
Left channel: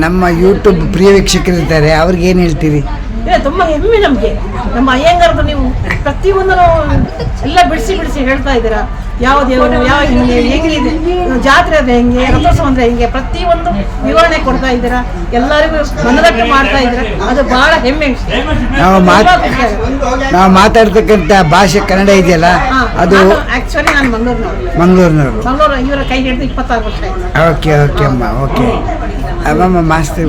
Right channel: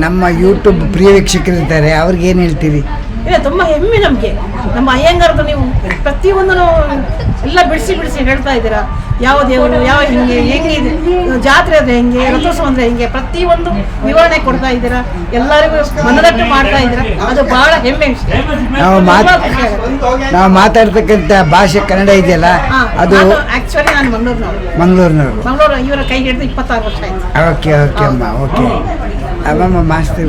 ನಮ್ಮ ಯೂಟ್ಯೂಬ್ ಪ್ರಿಯ ವೀಕ್ಷಕರಿದ್ದಾರೆ, ಅವ್ರಿಗೆ ಏನು ಹೇಳ್ತೀರಿ? ತುಂಬ ಹೆಮ್ಮೆ ನಮಗೆ. ನಮ್ಮ ಅಯ್ಯಂಗಾರದು ನೀವು ಪ್ರತಿಯೊಂದು ಎಲ್ಲ ಬಿಡಿಸಿ ಹೇಳ್ತಾ ಇದ್ದೀರಾ. ಯಾವ ದೇವರು, ಯಾವ ಹೆಂಗಿದೆ ಜಾತ್ರೆ ಅಂದರೆ ಹೆಂಗೆ, ರಥೋತ್ಸವ ಅಂದರೆ ಹೆಂಗೆ, ಪ್ರತಿಯೊಂದು ವಿವರಣೆ ಕೊಡ್ತಾ ಇದ್ದೀರಾ. ಎಲ್ಲರಿಗೂ ಮನದಟ್ಟು ಮಾಡ್ತಾ ಇದ್ದೀರಾ. ಅದು ಬಹಳ ಹೆಮ್ಮೆ. ನಾವು ಮಾತಾಡ್ತಕ್ಕಂಥ ಭಾಷೆ ಕನ್ನಡ ಇದೆಯಲ್ಲ, ಅದು ಆಕ್ಚುಲಿ ನಾನು ಮಂಗಳೂರಿನವರು. ಇವರ ಕೈ ಹಿಡಿದು 26 ವರ್ಷ ಆಯ್ತು. ಓಕೆ ಅಮ್ಮ. ಓಕೆ ಅಮ್ಮಮ್ಮ ಮಾಸ್ತಿ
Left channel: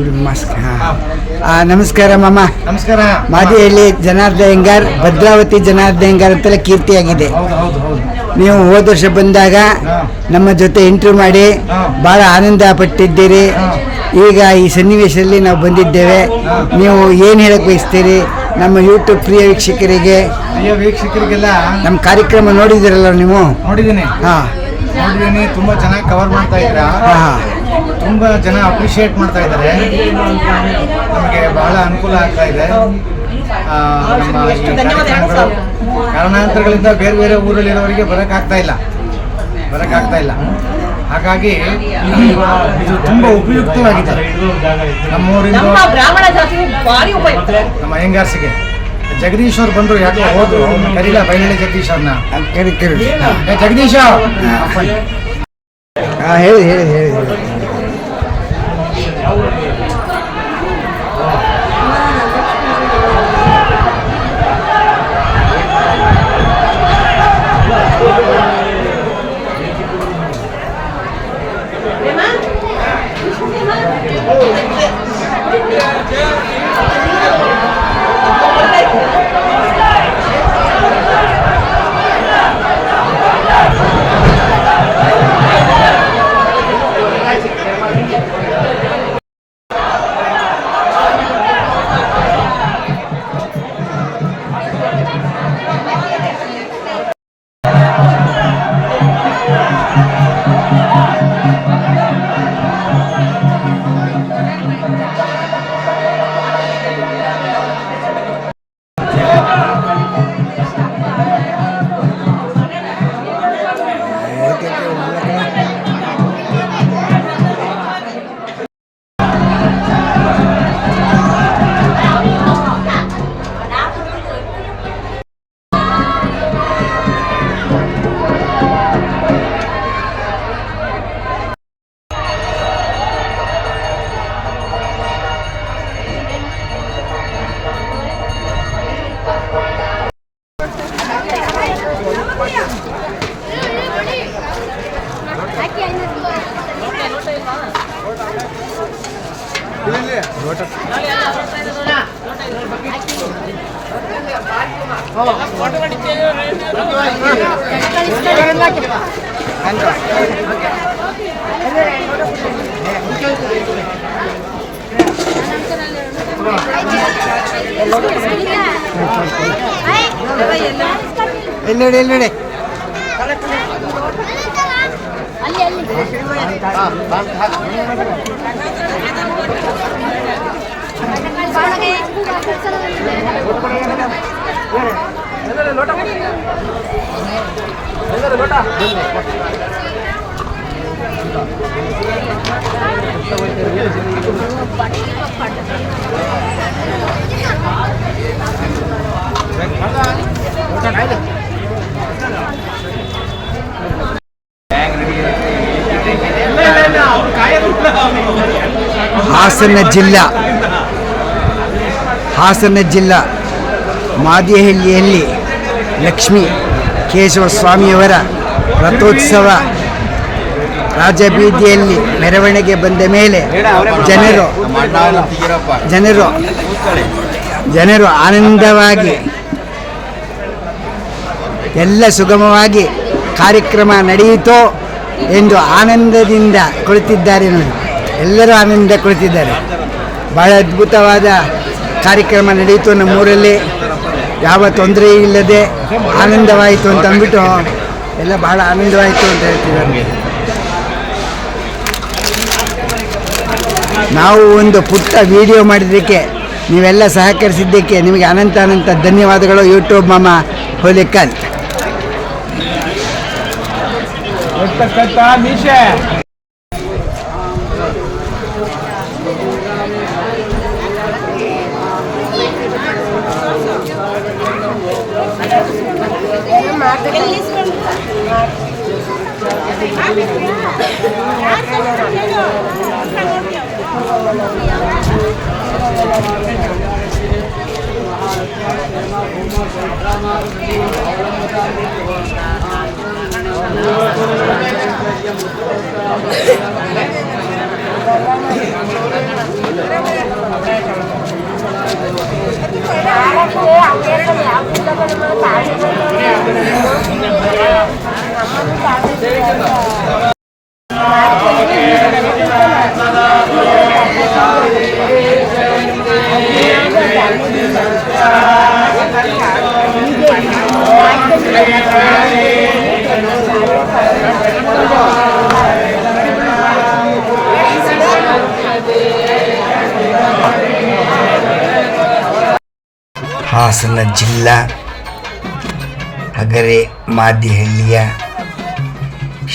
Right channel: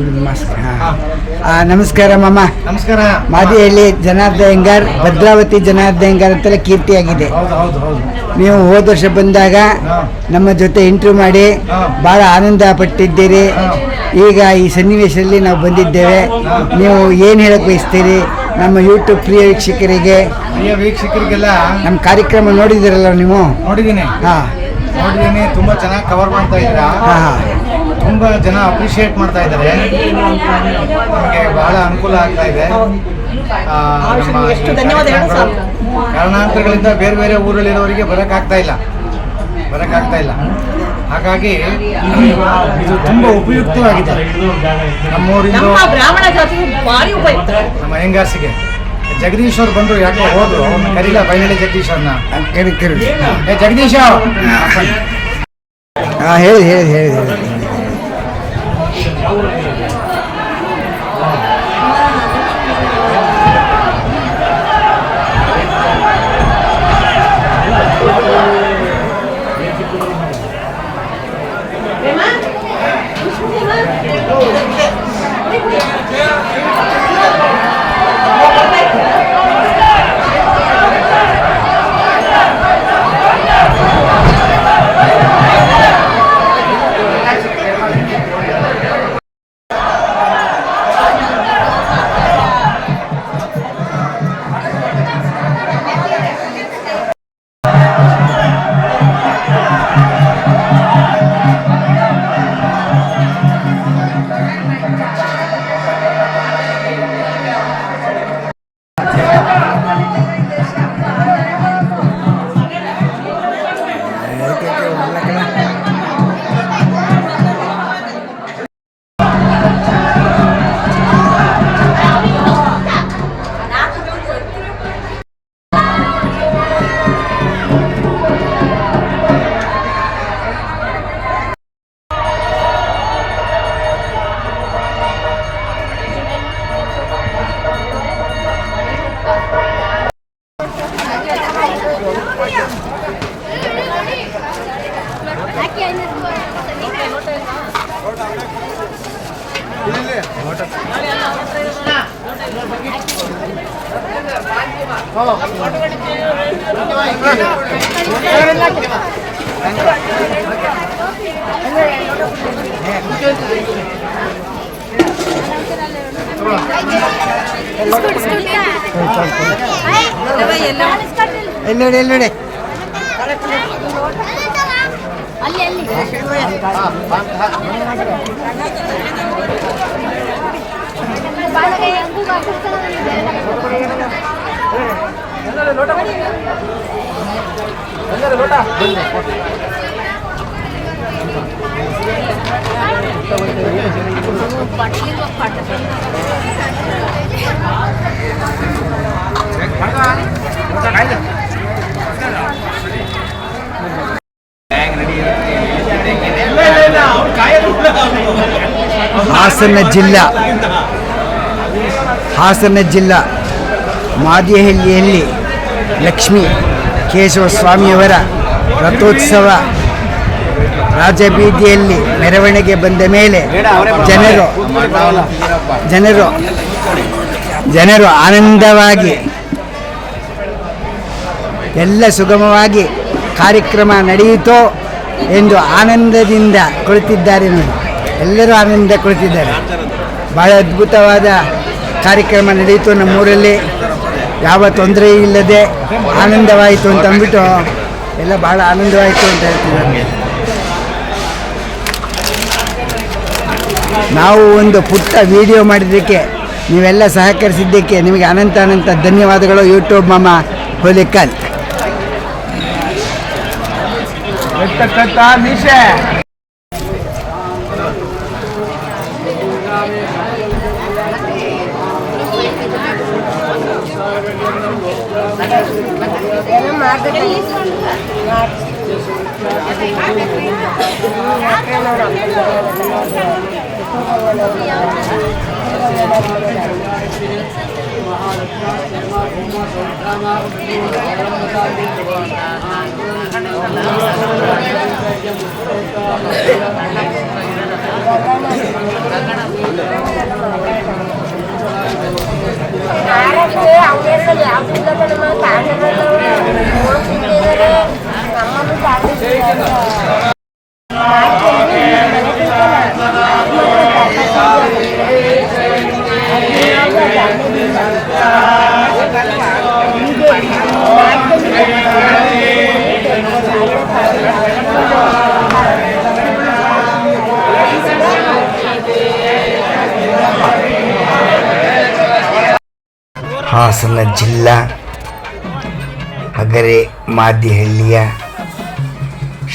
ನಮಸ್ಕಾರ ಮಾಮ. ನಮಸ್ಕಾರ. ಮಾದಿಹಳ್ಳಿ ಜನಾರ್ದನ್ ಅಯ್ಯಂಗಾರ್, ಭದ್ರಾವತಿ ಜನಾರ್ದನ್ ಅಯ್ಯಂಗಾರ್ ಅಂತೆಲ್ಲ ಕೀರ್ತಿಯಾಗಿದೆ. ನೀವು ಹೋದ ವರ್ಷ ಬಂದಾಗ ನಮ್ಮ ಜೊತೆ ಇಂಟರ್ವ್ಯೂ ಮಾಡಿ ಭಾಳ ಆನಂದ ಪಟ್ಟಿದ್ದೀರಿ. ಈಗ ಈ ಸನ್ನಿವೇಶದಲ್ಲಿ ನಾವು ಬಂದಿದ್ದೇವೆ. ನೀವು ಏನು ಹೇಳಕ್ಕೆ ಬಯಸ್ತೀರಿ ನಮ್ಮ ಯೂಟ್ಯೂಬ್ ಪ್ರಿಯ ವೀಕ್ಷಕರಿಗೆಲ್ಲ? ನಮ್ಮ ಕಾರ್ಯಕ್ರಮ ನೋಡಿದ್ದೀರಲ್ಲ ನೀವು? ನೋಡಿದ್ದೀನಿ. ತುಂಬ ಚೆನ್ನಾಗಿ ಕವರ್ ಮಾಡ್ತಾ ಇದ್ದೀರಾ. ತುಂಬ ಜನ ಅಪ್ರಿಷಿಯೇಟ್ ಮಾಡ್ತಾ ಇದ್ದಾರೆ. ನಮಗೆ ಬಹಳ ಅನುಕೂಲ ಆಗ್ತಾ ಇದೆ. ನಮ್ಮ ಈ ಕಾರ್ಯಕ್ರಮಗಳು ಕಾರಣಾಂತರಗಳಿಂದ ಬೇರೆ ಊರಲ್ಲಿರೋರಿಗೆ ಬರೋಕ್ಕಾಗ್ತಾ ಇಲ್ಲ. ಹಾಗಾಗಿ ಇದು ತುಂಬ ಉಪಯುಕ್ತವಾಗಿದೆ ನಮ್ಮೂರಿಂದ. ನಮ್ಮ ಅಯ್ಯಂಗಾರ್ಸಿಗೆ ಜಗದೀಶ್ ಅವ್ರು ಬಂದರು, ಯಾಕೋ ಹೋದ್ರು, ಕರೀಲ ಬೈಲಳ್ಳಿ ಜಗದೀಶ್ ಅವ್ರನ್ನ. ಜಗದೀಶ ಹೇಳಿ. ಎಲ್ಲಿ ನೋಡಿ ಹಾಸನ ಜಿಲ್ಲಾ ಮಾದಿಹಳ್ಳಿಯಲ್ಲಿ ಲಕ್ಷ್ಮೀ ಕೇಶವ ಸ್ವಾಮಿಯವರ ರಥೋತ್ಸವ ರಾಜಬೀದಿಯಲ್ಲಿ ಮೆರವಣಿಗೆ ಬಂದ ಮೇಲೆ ಜನರು ಆನಂದವಾಗಿ ಎಲ್ಲ ಸುಗಮವಾಗಿ ಕಾರ್ಯಕ್ರಮ ನಡೆಯಿತೋ ಎಂದು ಆನಂದದಿಂದ ಕುಳಿತಿದ್ದಾರೆ ನೋಡಿ. ಎಲ್ಲರೂ ಆನಂದ ಕುಳಿತಿದ್ದಾರೆ. ಭಾಳ ಅದ್ಭುತವಾದ ಕಾರ್ಯಕ್ರಮ ನಡೆಯಿತು. ನಮ್ಮೂರಲ್ಲಿ ಯಾವ ತೊಂದರೆ ಇಲ್ಲದೆ ಆನಂದವಾಯಿತು ಅಂತ ಅಂದ್ಬಿಟ್ಟು ಎಲ್ಲ ಭಾಳ ಆನಂದವಾಯಿತು ಅಂತ ಹೇಳ್ತಿದ್ದಾರೆ. ನಾವು ಒಂದು ಪುಟ್ಟ ವಿಡಿಯೋ ಮಾಡಿದ್ದಕ್ಕೆ ನೀವೆಲ್ಲ ಸಹಕರಿಸಿದ್ದಕ್ಕೆ ನಿಮಗೆ ಅನಂತ ಧನ್ಯವಾದಗಳು. ಯೂಟ್ಯೂಬ್ ಮಾಮ ಹುಲಿಕಲ್. ಹಾಸನ ಜಿಲ್ಲಾ ಹಗರೆ ಮಾದಿಹಳ್ಳಿಯ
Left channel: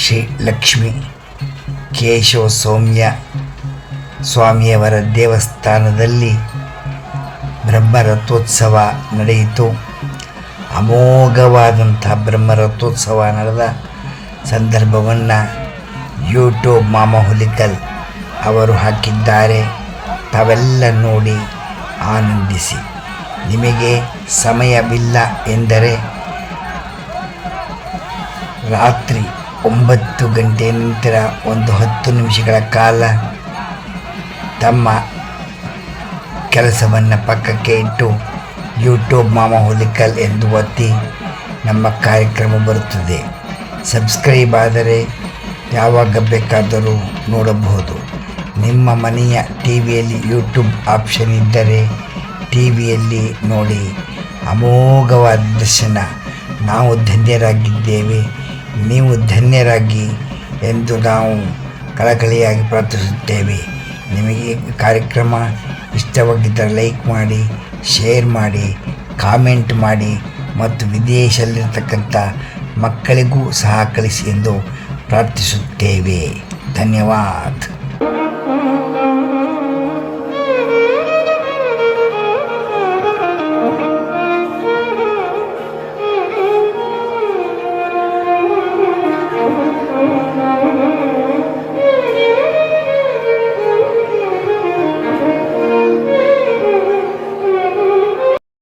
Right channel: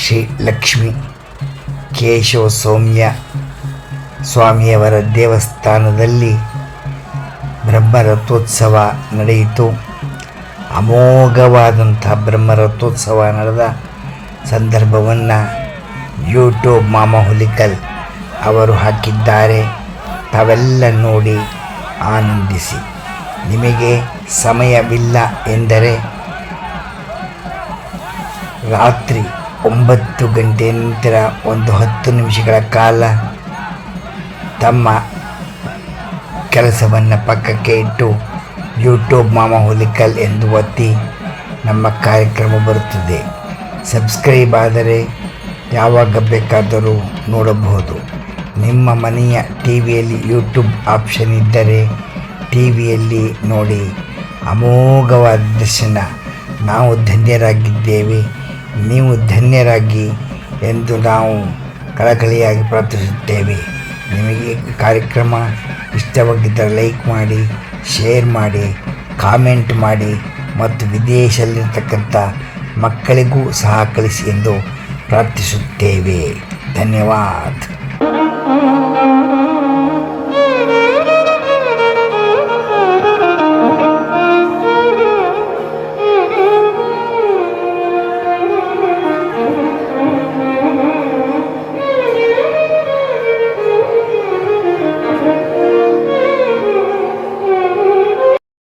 ಶ್ರೀ ಲಕ್ಷ್ಮೀ ಕೇಶವ ಸೌಮ್ಯ ಸ್ವಾಮಿಯವರ ದೇವಸ್ಥಾನದಲ್ಲಿ ಬ್ರಹ್ಮರಥೋತ್ಸವ ನಡೆಯಿತು. ಅಮೋಘವಾದಂಥ ಬ್ರಹ್ಮರಥೋತ್ಸವ ನಡೆದ ಸಂದರ್ಭವನ್ನು ಯೂಟ್ಯೂಬ್ ಮಾಮ ಹುಲಿಕಲ್ ಅವರು ಹಾಕಿದ್ದಾರೆ. ತಾವೆಲ್ಲ ನೋಡಿ ಆನಂದಿಸಿ. ನಿಮಗೆ ಸಮಯವಿಲ್ಲ ಎಂದರೆ ರಾತ್ರಿ 9 ಗಂಟೆ ನಂತರ ಒಂದು 10 ನಿಮಿಷಗಳ ಕಾಲ ತಮ್ಮ ಕೆಲಸವನ್ನು ಪಕ್ಕಕ್ಕೆ ಇಟ್ಟು ಯೂಟ್ಯೂಬ್ ಮಾಮ ಹುಲಿಕಲ್ ಎಂದು ಒತ್ತಿ ನಮ್ಮ ಕಾರ್ಯಕ್ರಮ ಬರುತ್ತದೆ. ಸಬ್ಸ್ಕ್ರೈಬ್ ಆದರೆ ಯಾವಾಗ ಬೇಕಾದರೂ ನೋಡಬಹುದು. ನಿಮ್ಮ ಮನೆಯ ಟಿವಿಯಲ್ಲಿ ಯೂಟ್ಯೂಬ್ ಆಪ್ಷನ್ ಇದ್ದರೆ ಟಿವಿಯಲ್ಲಿ ನೋಡಿ. ಅಮೋಘವಾದ ದರ್ಶನ. ನಾವು ಧನ್ಯರಾಗಿದ್ದೇವೆ, ನೀವು ಧನ್ಯರಾಗಿ ಎಂದು ನಾವು ಕಳಕಳಿಯಾಗಿ ಪ್ರಾರ್ಥಿಸುತ್ತೇವೆ. ನಿಮಗೆ ಕಾರ್ಯಕ್ರಮ ಇಷ್ಟವಾಗಿದ್ದರೆ ಲೈಕ್ ಮಾಡಿ, ಶೇರ್ ಮಾಡಿ, ಕಾಮೆಂಟ್ ಮಾಡಿ ಮತ್ತು ವಿದೇಶದಲ್ಲಿರ್ತಕ್ಕಂಥ ಮಕ್ಕಳಿಗೂ ಸಹ ಕಳಿಸಿ ಎಂದು ಪ್ರಾರ್ಥಿಸುತ್ತೇವೆ. ಧನ್ಯವಾದ.